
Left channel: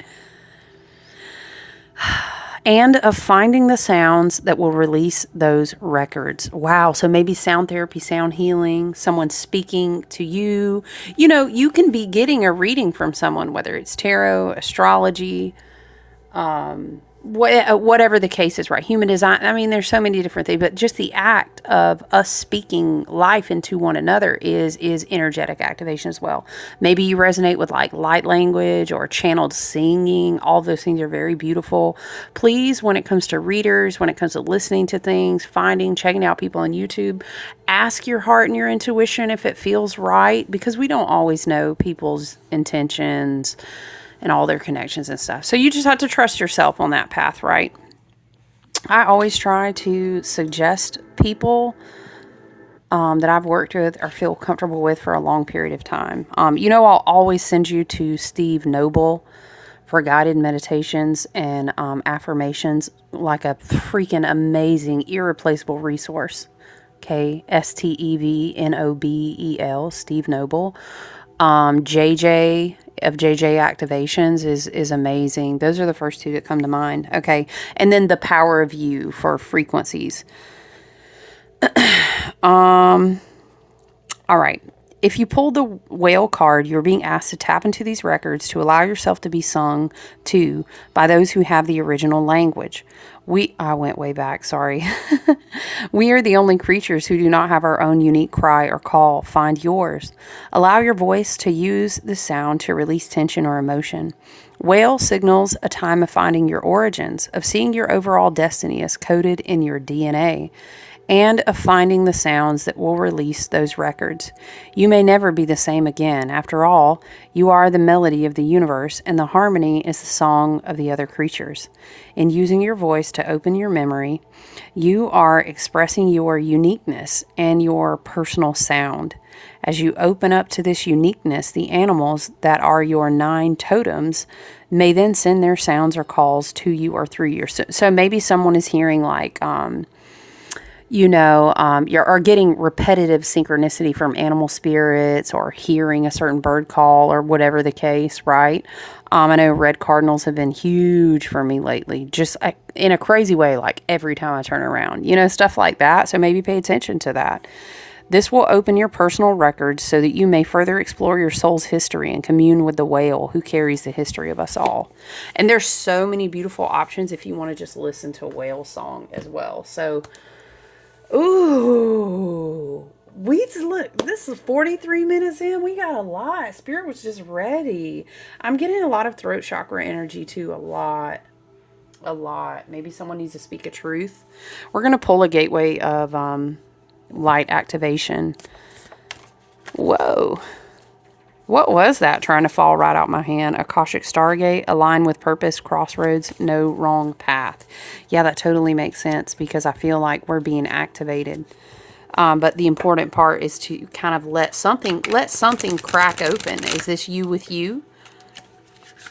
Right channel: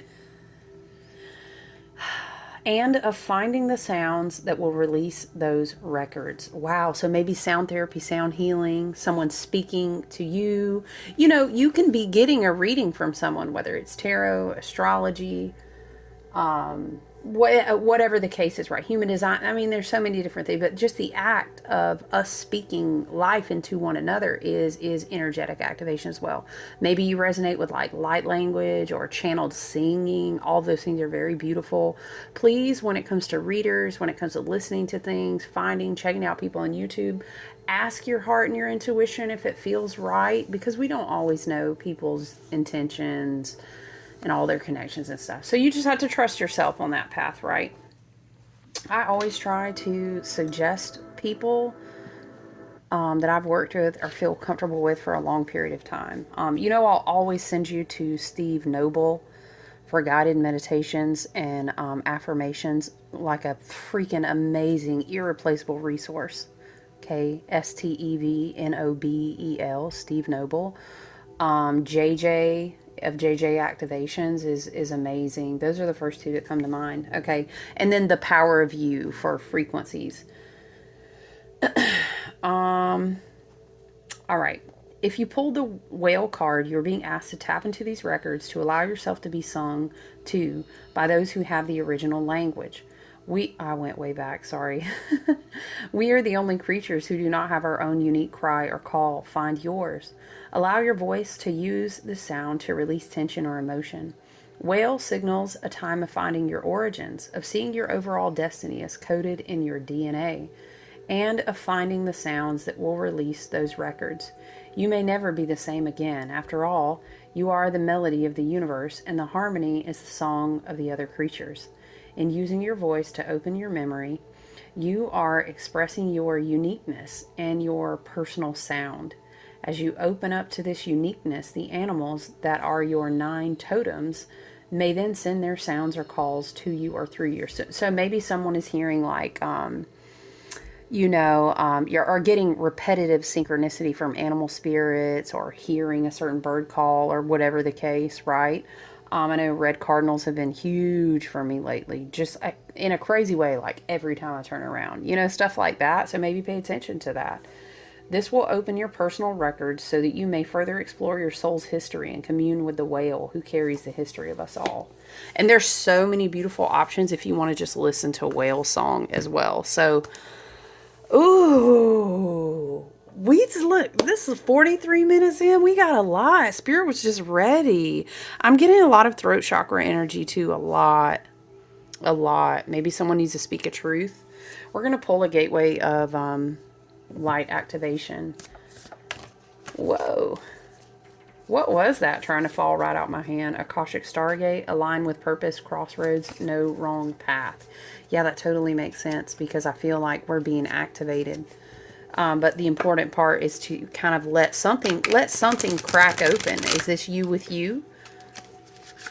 And of finding the sounds that will release those records. Wow. So maybe sound therapy, sound healing, someone speaking to you. You know, you can be getting a reading from someone, whether it's tarot, astrology, whatever the case is, right? Human design. I mean, there's so many different things, but just the act of us speaking life into one another is energetic activation as well. Maybe you resonate with like light language or channeled singing. All those things are very beautiful. Please, when it comes to readers, when it comes to listening to things, checking out people on YouTube, ask your heart and your intuition if it feels right, because we don't always know people's intentions and all their connections and stuff. So you just have to trust yourself on that path, right? I always try to suggest people that I've worked with or feel comfortable with for a long period of time. I'll always send you to Steve Noble for guided meditations and affirmations, like a freaking amazing, irreplaceable resource. Okay, STEVNOBEL, Steve Noble. JJ of JJ Activations is amazing. Those are the first two that come to mind. Okay. And then the Power of You for frequencies. All right. If you pulled the whale card, you're being asked to tap into these records to allow yourself to be sung to by those who have the original language. I went way back, sorry. We are the only creatures who do not have our own unique cry or call. Find yours. Allow your voice to use the sound to release tension or emotion. Whale signals a time of finding your origins, of seeing your overall destiny as coded in your DNA, and of finding the sounds that will release those records. You may never be the same again. After all, you are the melody of the universe, and the harmony is the song of the other creatures. In using your voice to open your memory, you are expressing your uniqueness and your personal sound. As you open up to this uniqueness, the animals that are your 9 totems may then send their sounds or calls to you or through you. So maybe someone is hearing like, you're getting repetitive synchronicity from animal spirits, or hearing a certain bird call, or whatever the case, right? I know red cardinals have been huge for me lately, just in a crazy way, like every time I turn around, stuff like that. So maybe pay attention to that. This will open your personal records so that you may further explore your soul's history and commune with the whale who carries the history of us all. And there's so many beautiful options if you want to just listen to a whale song as well. So, ooh, this is 43 minutes in. We got a lot. Spirit was just ready. I'm getting a lot of throat chakra energy too. A lot. Maybe someone needs to speak a truth. We're going to pull a gateway of light activation. Whoa. What was that trying to fall right out my hand? Akashic Stargate, align with purpose, crossroads, no wrong path. Yeah, that totally makes sense, because I feel like we're being activated. But the important part is to kind of let something crack open. Is this you with you?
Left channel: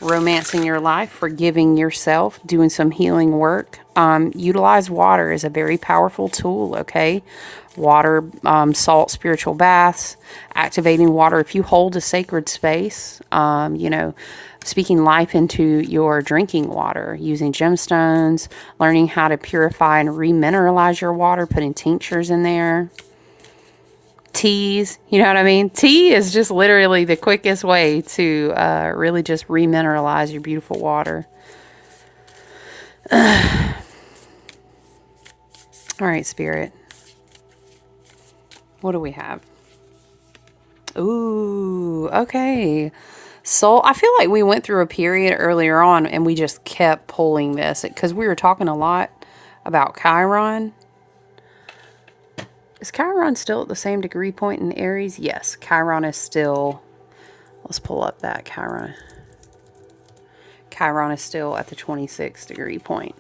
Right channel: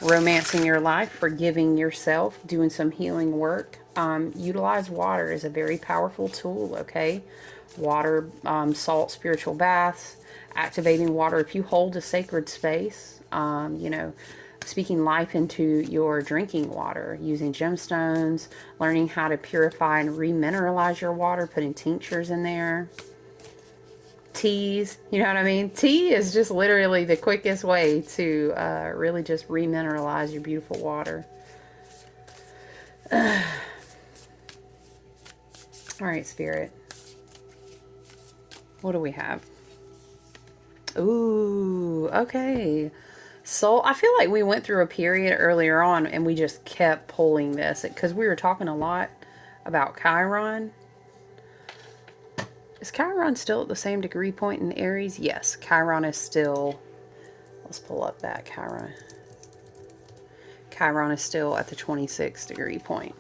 Romancing your life, forgiving yourself, doing some healing work. Utilize water as a very powerful tool, okay? Water, salt, spiritual baths, activating water. If you hold a sacred space, speaking life into your drinking water, using gemstones, learning how to purify and remineralize your water, putting tinctures in there. Teas, you know what I mean? Tea is just literally the quickest way to really just remineralize your beautiful water. All right, Spirit. What do we have? Ooh, okay. Soul, I feel like we went through a period earlier on and we just kept pulling this because we were talking a lot about Chiron. Is Chiron still at the same degree point in Aries? Yes, Chiron is still, let's pull up that Chiron. Chiron is still at the 26 degree point.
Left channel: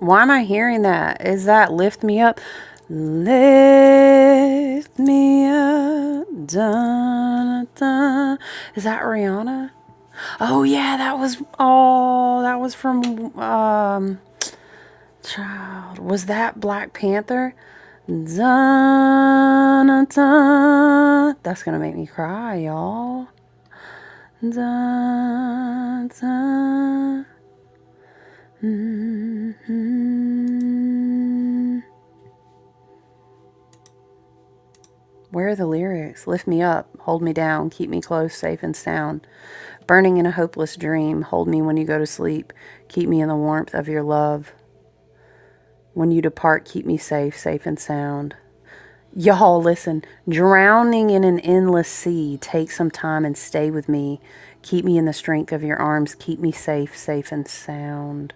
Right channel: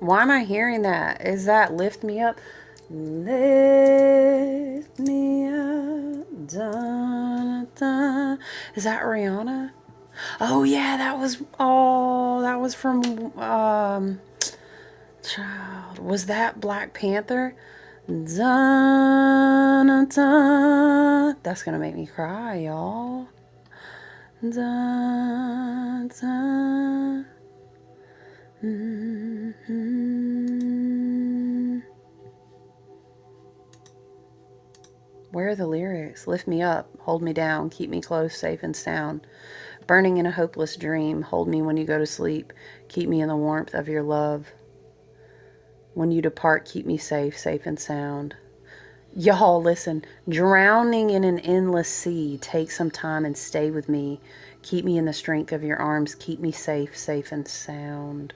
Why am I hearing that? Is that Lift Me Up? Lift me up. Da, da. Is that Rihanna? Oh yeah, that was from child. Was that Black Panther? Da, da, da. That's gonna make me cry, y'all. Da, da. Where are the lyrics? Lift me up, hold me down, keep me close, safe and sound. Burning in a hopeless dream, hold me when you go to sleep, keep me in the warmth of your love. When you depart, keep me safe, safe and sound. Y'all, listen. Drowning in an endless sea, take some time and stay with me. Keep me in the strength of your arms, keep me safe, safe and sound.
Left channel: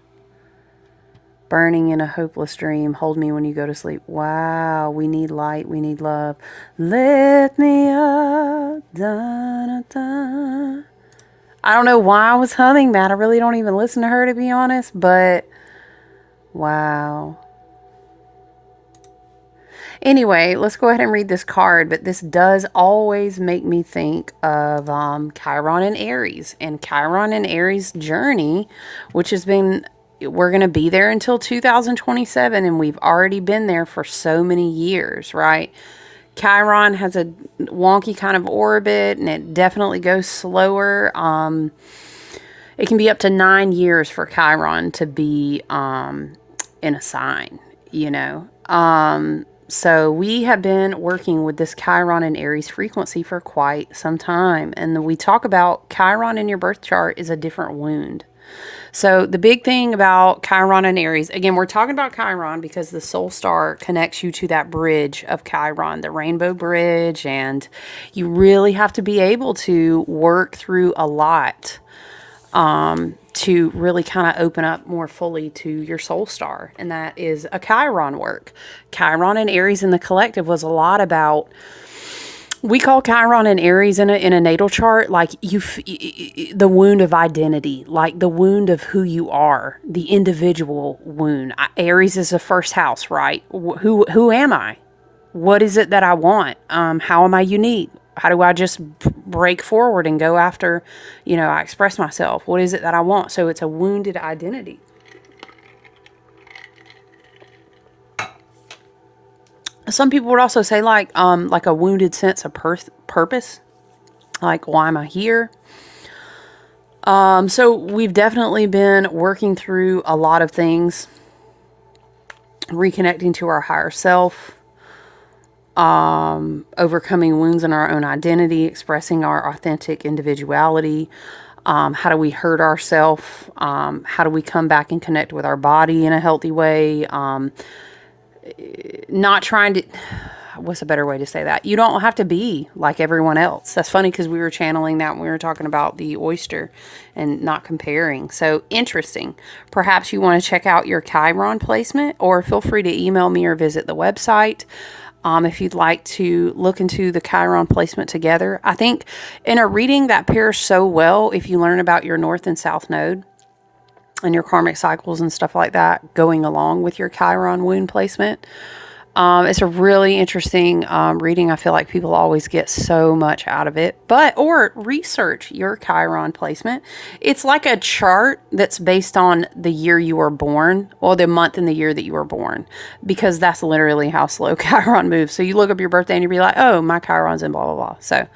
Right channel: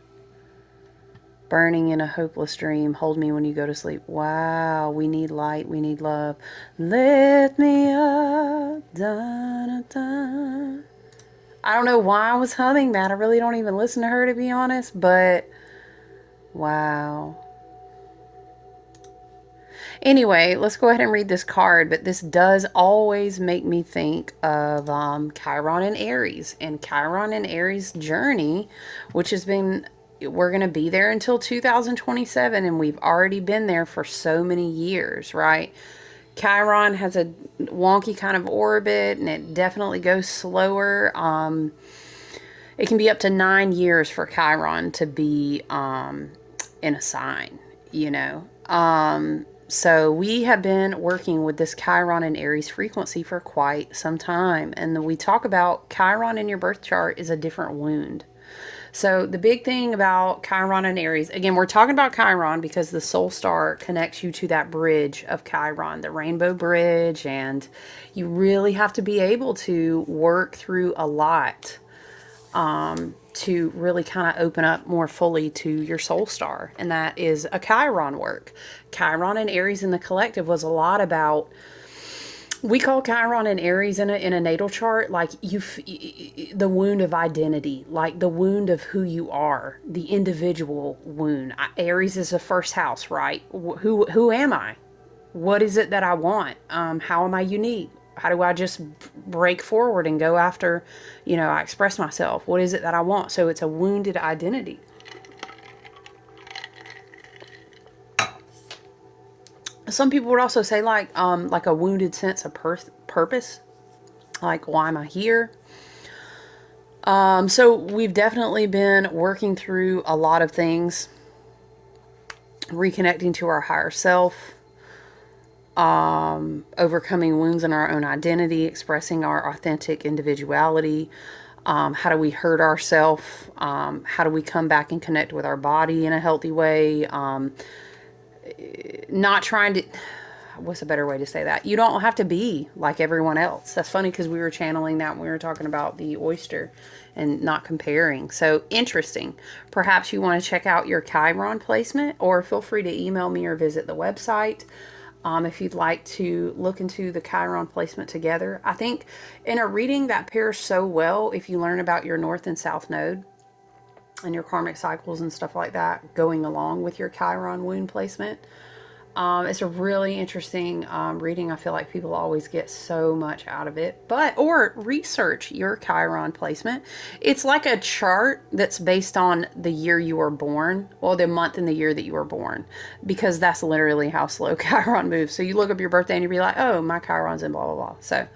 Burning in a hopeless dream, hold me when you go to sleep. Wow, we need light, we need love. Lift me up. Da, da, da. I don't know why I was humming that. I really don't even listen to her, to be honest, but wow. Anyway, let's go ahead and read this card, but this does always make me think of Chiron and Aries, and Chiron and Aries journey, which has been, we're going to be there until 2027, and we've already been there for so many years, right? Chiron has a wonky kind of orbit, and it definitely goes slower. It can be up to 9 years for Chiron to be in a sign, you know. So we have been working with this Chiron and Aries frequency for quite some time. And we talk about Chiron in your birth chart is a different wound. So the big thing about Chiron and Aries, again, we're talking about Chiron because the soul star connects you to that bridge of Chiron, the rainbow bridge. And you really have to be able to work through a lot to really kind of open up more fully to your soul star. And that is a Chiron work. Chiron and Aries in the collective was a lot about, we call Chiron and Aries in a natal chart, like the wound of identity, like the wound of who you are, the individual wound. Aries is the first house, right? Who am I? What is it that I want? How am I unique? How do I just break forward and go after, you know, I express myself? What is it that I want? So it's a wounded identity. Some people would also say like a wounded sense of purpose. Like, why am I here? So we've definitely been working through a lot of things, reconnecting to our higher self, overcoming wounds in our own identity, expressing our authentic individuality. How do we hurt ourselves? How do we come back and connect with our body in a healthy way? Not trying to, what's a better way to say that? You don't have to be like everyone else. That's funny because we were channeling that when we were talking about the oyster and not comparing. So interesting. Perhaps you want to check out your Chiron placement, or feel free to email me or visit the website. If you'd like to look into the Chiron placement together. I think in a reading that pairs so well if you learn about your North and South Node and your karmic cycles and stuff like that going along with your Chiron wound placement. It's a really interesting reading. I feel like people always get so much out of it. Or research your Chiron placement. It's like a chart that's based on the year you were born, or the month and the year that you were born, because that's literally how slow Chiron moves. So you look up your birthday and you'll be like, oh, my Chiron's in blah, blah, blah. So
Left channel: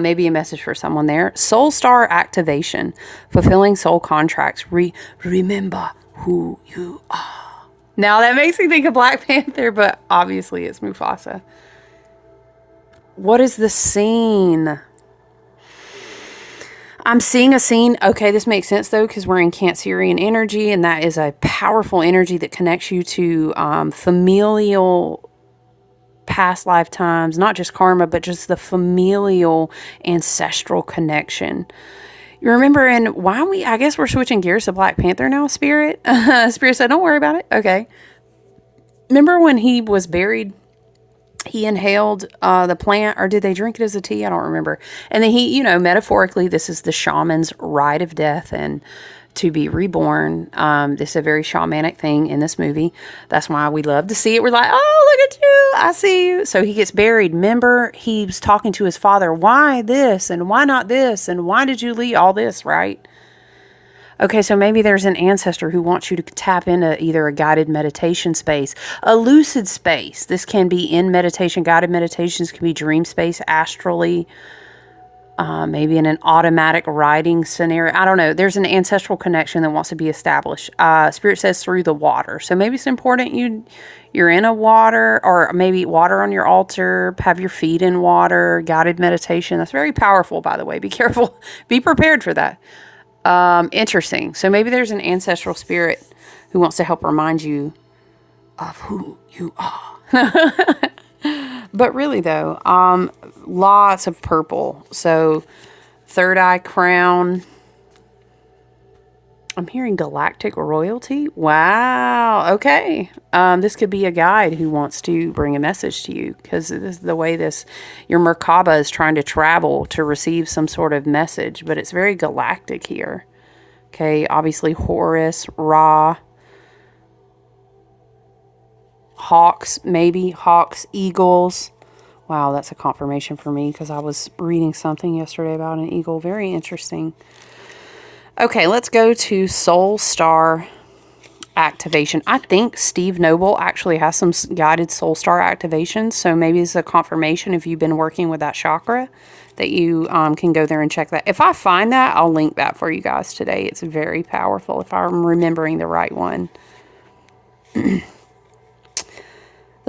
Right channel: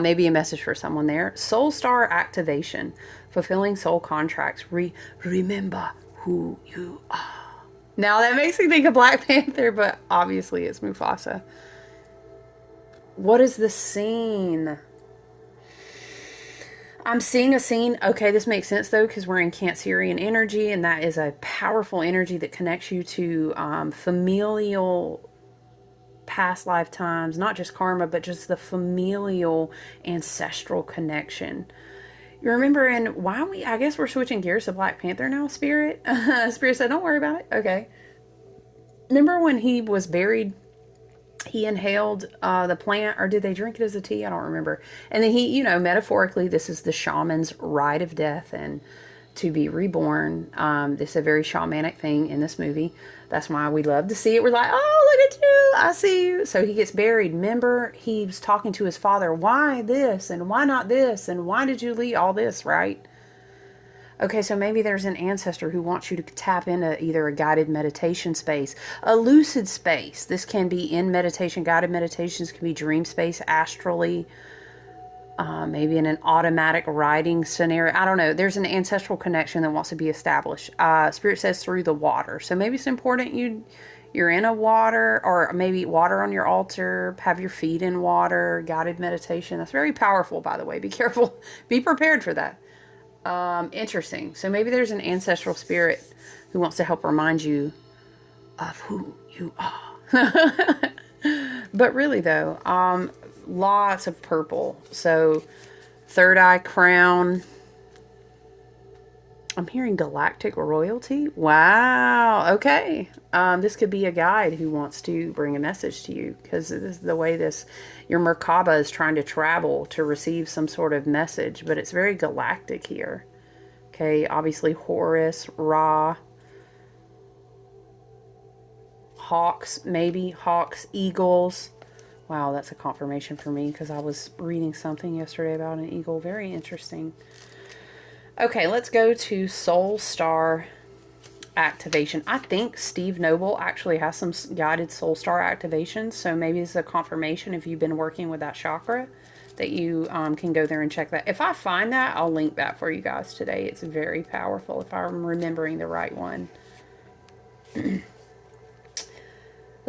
maybe a message for someone there. Soul star activation, fulfilling soul contracts. Remember who you are. Now that makes me think of Black Panther, but obviously it's Mufasa. What is the scene? I'm seeing a scene. Okay, this makes sense though, because we're in Cancerian energy, and that is a powerful energy that connects you to familial past lifetimes, not just karma, but just the familial ancestral connection. You remember, and I guess we're switching gears to Black Panther now, Spirit. Spirit said, don't worry about it. Okay. Remember when he was buried? He inhaled the plant, or did they drink it as a tea? I don't remember. And then he, metaphorically, this is the shaman's rite of death and to be reborn. This is a very shamanic thing in this movie. That's why we love to see it. We're like, oh, look at you. I see you. So he gets buried. Remember, he was talking to his father. Why this? And why not this? And why did you leave all this, right? Okay, so maybe there's an ancestor who wants you to tap into either a guided meditation space, a lucid space. This can be in meditation. Guided meditations can be dream space, astrally, maybe in an automatic writing scenario. I don't know. There's an ancestral connection that wants to be established. Spirit says through the water. So maybe it's important you're in a water, or maybe water on your altar, have your feet in water, guided meditation. That's very powerful, by the way. Be careful. Be prepared for that. Interesting. So maybe there's an ancestral spirit who wants to help remind you of who you are. But really though, lots of purple. So third eye crown. I'm hearing galactic royalty. Wow. Okay. This could be a guide who wants to bring a message to you, because this is the way your Merkaba is trying to travel to receive some sort of message, but it's very galactic here. Okay. Obviously Horus, Ra, hawks, maybe hawks, eagles. Wow. That's a confirmation for me, because I was reading something yesterday about an eagle. Very interesting. Okay, let's go to Soul Star activation. I think Steve Noble actually has some guided Soul Star activations, so maybe it's a confirmation if you've been working with that chakra that you can go there and check that. If I find that, I'll link that for you guys today. It's very powerful if I'm remembering the right one. The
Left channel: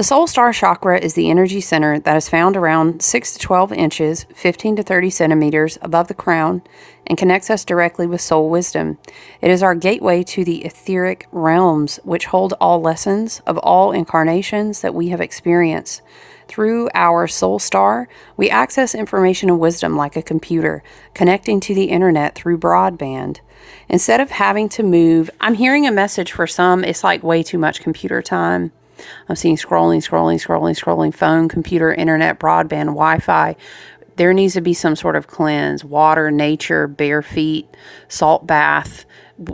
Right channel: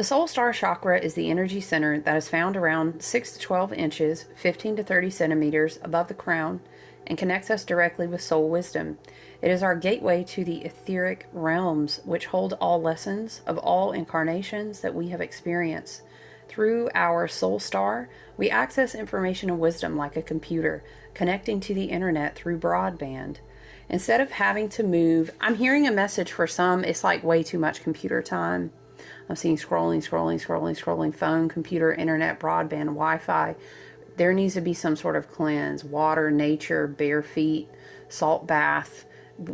Soul Star chakra is the energy center that is found around 6 to 12 inches, 15 to 30 centimeters above the crown, and connects us directly with soul wisdom. It is our gateway to the etheric realms, which hold all lessons of all incarnations that we have experienced. Through our soul star, we access information and wisdom like a computer, connecting to the internet through broadband. Instead of having to move, I'm hearing a message for some, it's like way too much computer time. I'm seeing scrolling, phone, computer, internet, broadband, Wi-Fi. There needs to be some sort of cleanse, water, nature, bare feet, salt bath,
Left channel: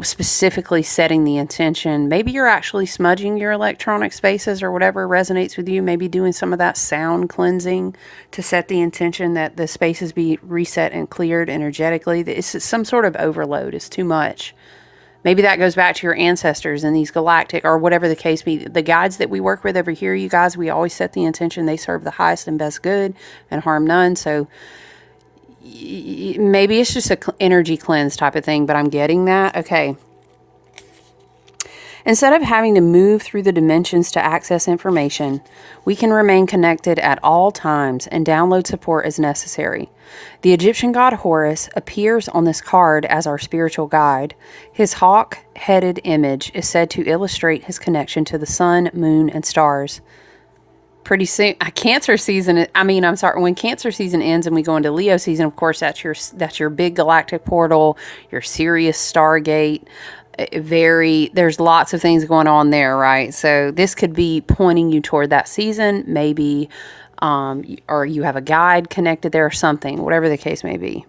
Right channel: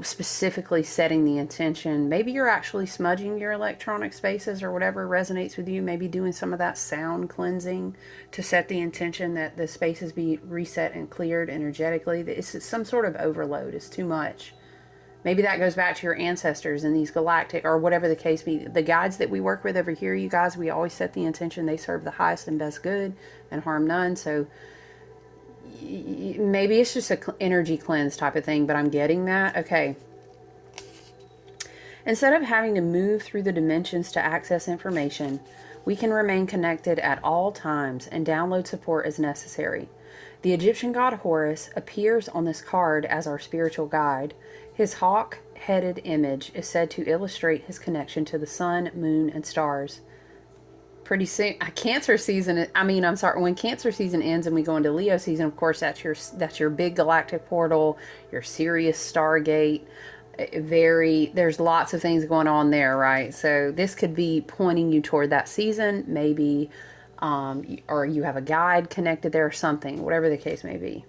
specifically setting the intention. Maybe you're actually smudging your electronic spaces or whatever resonates with you. Maybe doing some of that sound cleansing to set the intention that the spaces be reset and cleared energetically. It's some sort of overload. It's too much. Maybe that goes back to your ancestors and these galactic, or whatever the case be. The guides that we work with over here, you guys, we always set the intention they serve the highest and best good and harm none. So maybe it's just an energy cleanse type of thing, but I'm getting that. Okay. Instead of having to move through the dimensions to access information, we can remain connected at all times and download support as necessary. The Egyptian god Horus appears on this card as our spiritual guide. His hawk-headed image is said to illustrate his connection to the sun, moon, and stars. Pretty soon, Cancer season, when Cancer season ends and we go into Leo season, of course, that's your big galactic portal, your Sirius Stargate. There's lots of things going on there, right? So this could be pointing you toward that season, maybe, or you have a guide connected there or something, whatever the case may be.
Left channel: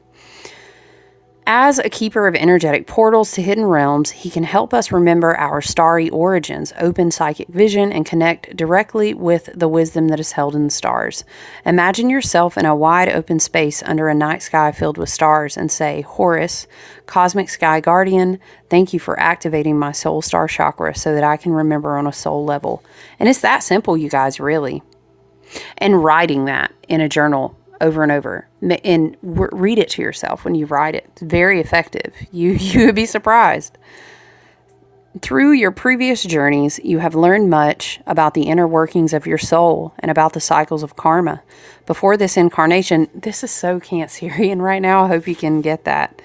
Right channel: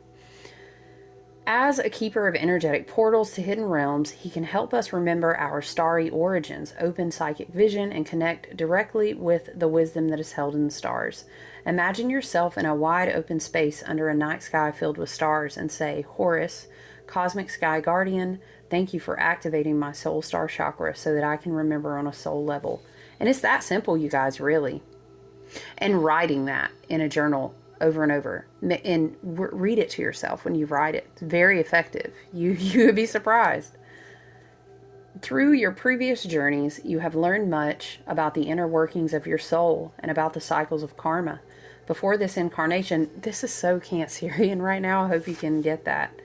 As a keeper of energetic portals to hidden realms, he can help us remember our starry origins, open psychic vision, and connect directly with the wisdom that is held in the stars. Imagine yourself in a wide open space under a night sky filled with stars and say, Horus, Cosmic Sky Guardian, thank you for activating my soul star chakra so that I can remember on a soul level. And it's that simple, you guys, really. And writing that in a journal over and over, and read it to yourself when you write it. It's very effective. You would be surprised. Through your previous journeys, you have learned much about the inner workings of your soul and about the cycles of karma. Before this incarnation, this is so Cancerian right now. I hope you can get that.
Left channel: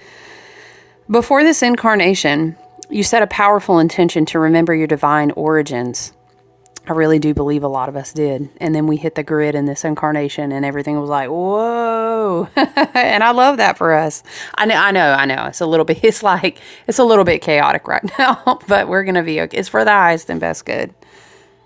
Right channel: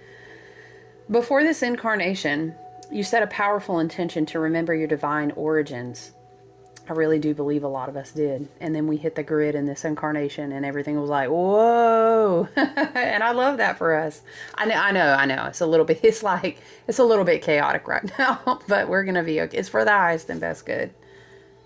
Before this incarnation, you set a powerful intention to remember your divine origins. I really do believe a lot of us did. And then we hit the grid in this incarnation and everything was like, whoa. And I love that for us. I know. It's a little bit, it's a little bit chaotic right now, but we're going to be okay. It's for the highest and best good.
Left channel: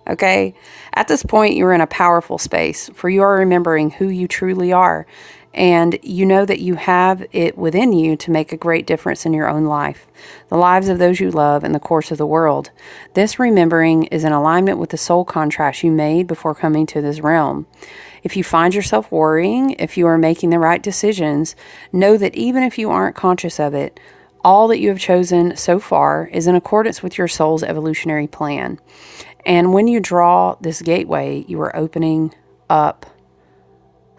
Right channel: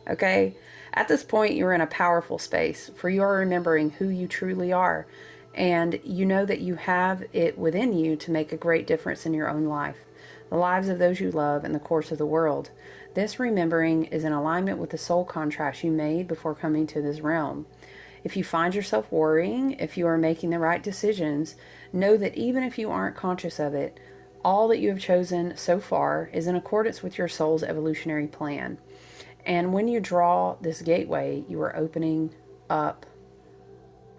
Okay. At this point, you're in a powerful space, for you are remembering who you truly are. And you know that you have it within you to make a great difference in your own life, the lives of those you love, and the course of the world. This remembering is in alignment with the soul contract you made before coming to this realm. If you find yourself worrying if you are making the right decisions, know that even if you aren't conscious of it, all that you have chosen so far is in accordance with your soul's evolutionary plan. And when you draw this gateway, you are opening up.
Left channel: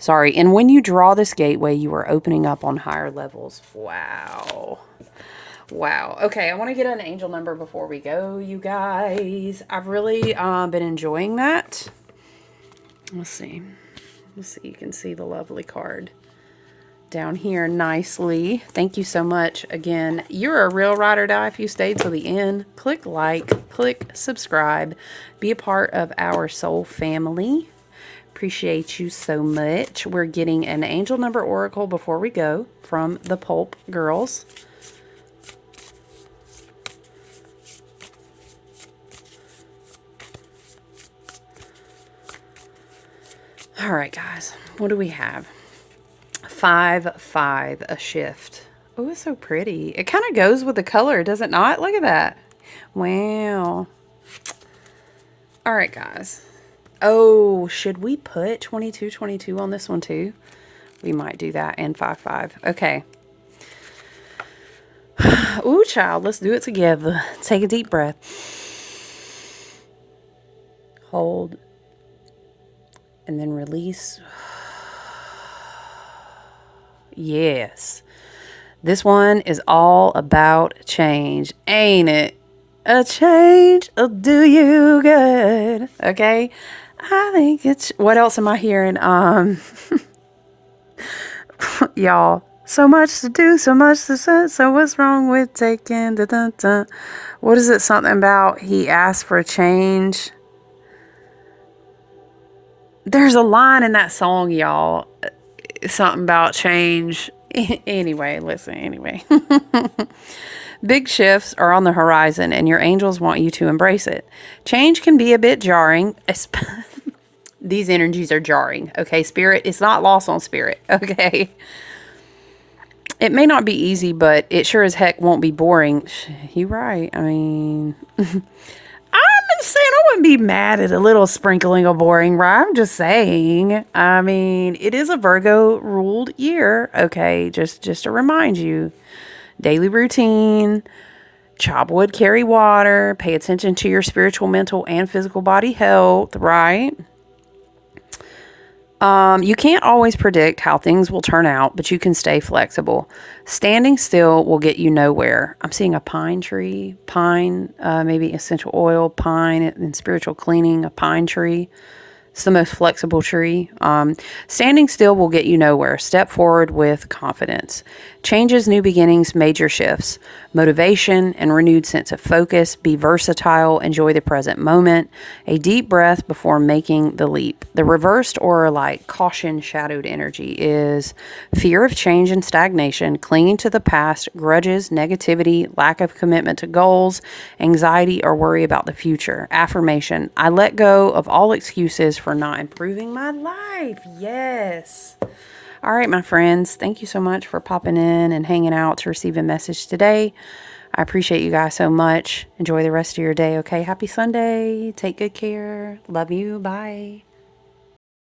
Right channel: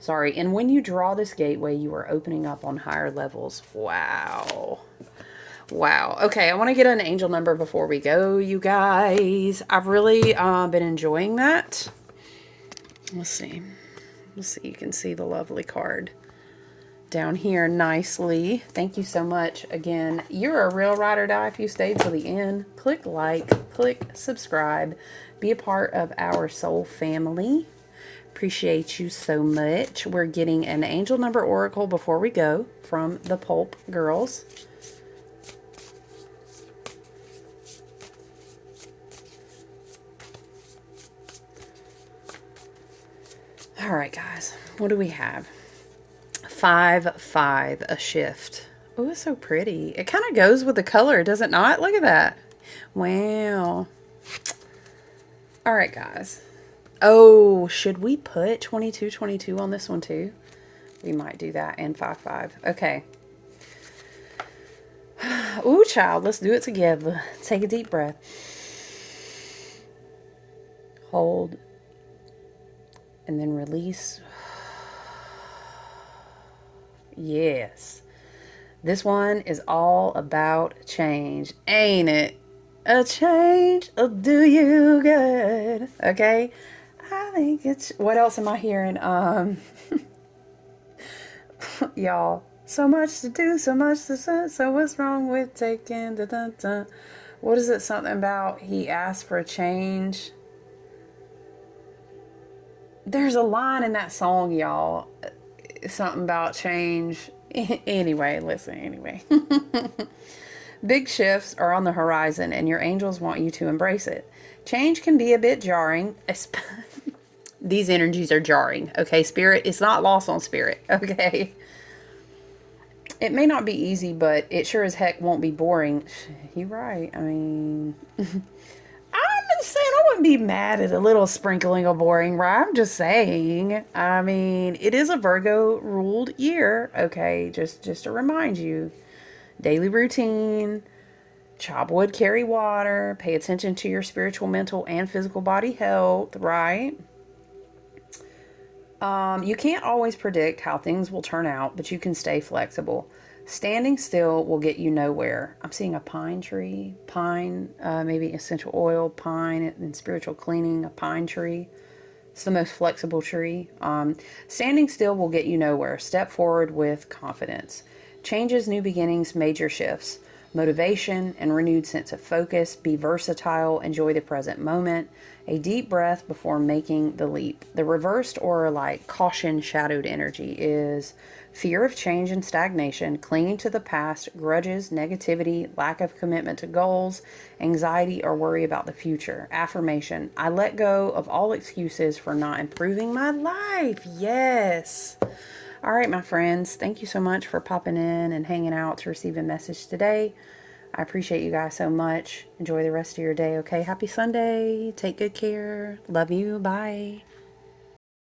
And when you draw this gateway, you are opening up on higher levels. Wow. Okay, I want to get an angel number before we go, you guys. I've really been enjoying that. Let's see. You can see the lovely card down here nicely. Thank you so much. Again, you're a real ride or die if you stayed till the end. Click like, click subscribe. Be a part of our soul family. Appreciate you so much. We're getting an angel number oracle before we go from the Pulp Girls. All right, guys. What do we have? 5-5, a shift. Oh, it's so pretty. It kind of goes with the color, does it not? Look at that. Wow. All right, guys. Oh, should we put 2222 on this one too? We might do that, and 5-5. Okay. Ooh, child, let's do it together. Take a deep breath. Hold. And then release. Yes. This one is all about change, ain't it? A change will do you good. Okay? I think it's... What else am I hearing? Y'all, so much to do, so much to say. So what's wrong with taking... What is it? Something about he asked for a change. There's a line in that song, y'all. Something about change. Anyway, listen. Big shifts are on the horizon, and your angels want you to embrace it. Change can be a bit jarring. These energies are jarring, okay? Spirit, it's not lost on spirit, okay? It may not be easy, but it sure as heck won't be boring. You're right. I mean, I'm just saying I wouldn't be mad at a little sprinkling of boring, right? I'm just saying. I mean, it is a Virgo-ruled year, okay? Just to remind you. Daily routine, chop wood, carry water, pay attention to your spiritual, mental, and physical body health, right? You can't always predict how things will turn out, but you can stay flexible. Standing still will get you nowhere. I'm seeing a pine tree, maybe essential oil, pine, and spiritual cleaning, a pine tree. It's the most flexible tree. Standing still will get you nowhere. Step forward with confidence. Changes, new beginnings, major shifts. Motivation and renewed sense of focus. Be versatile. Enjoy the present moment. A deep breath before making the leap. The reversed or like caution shadowed energy is fear of change and stagnation, clinging to the past, grudges, negativity, lack of commitment to goals, anxiety or worry about the future. Affirmation. I let go of all excuses for not improving my life. Yes. All right, my friends, thank you so much for popping in and hanging out to receive a message today. I appreciate you guys so much. Enjoy the rest of your day, okay? Happy Sunday. Take good care. Love you. Bye.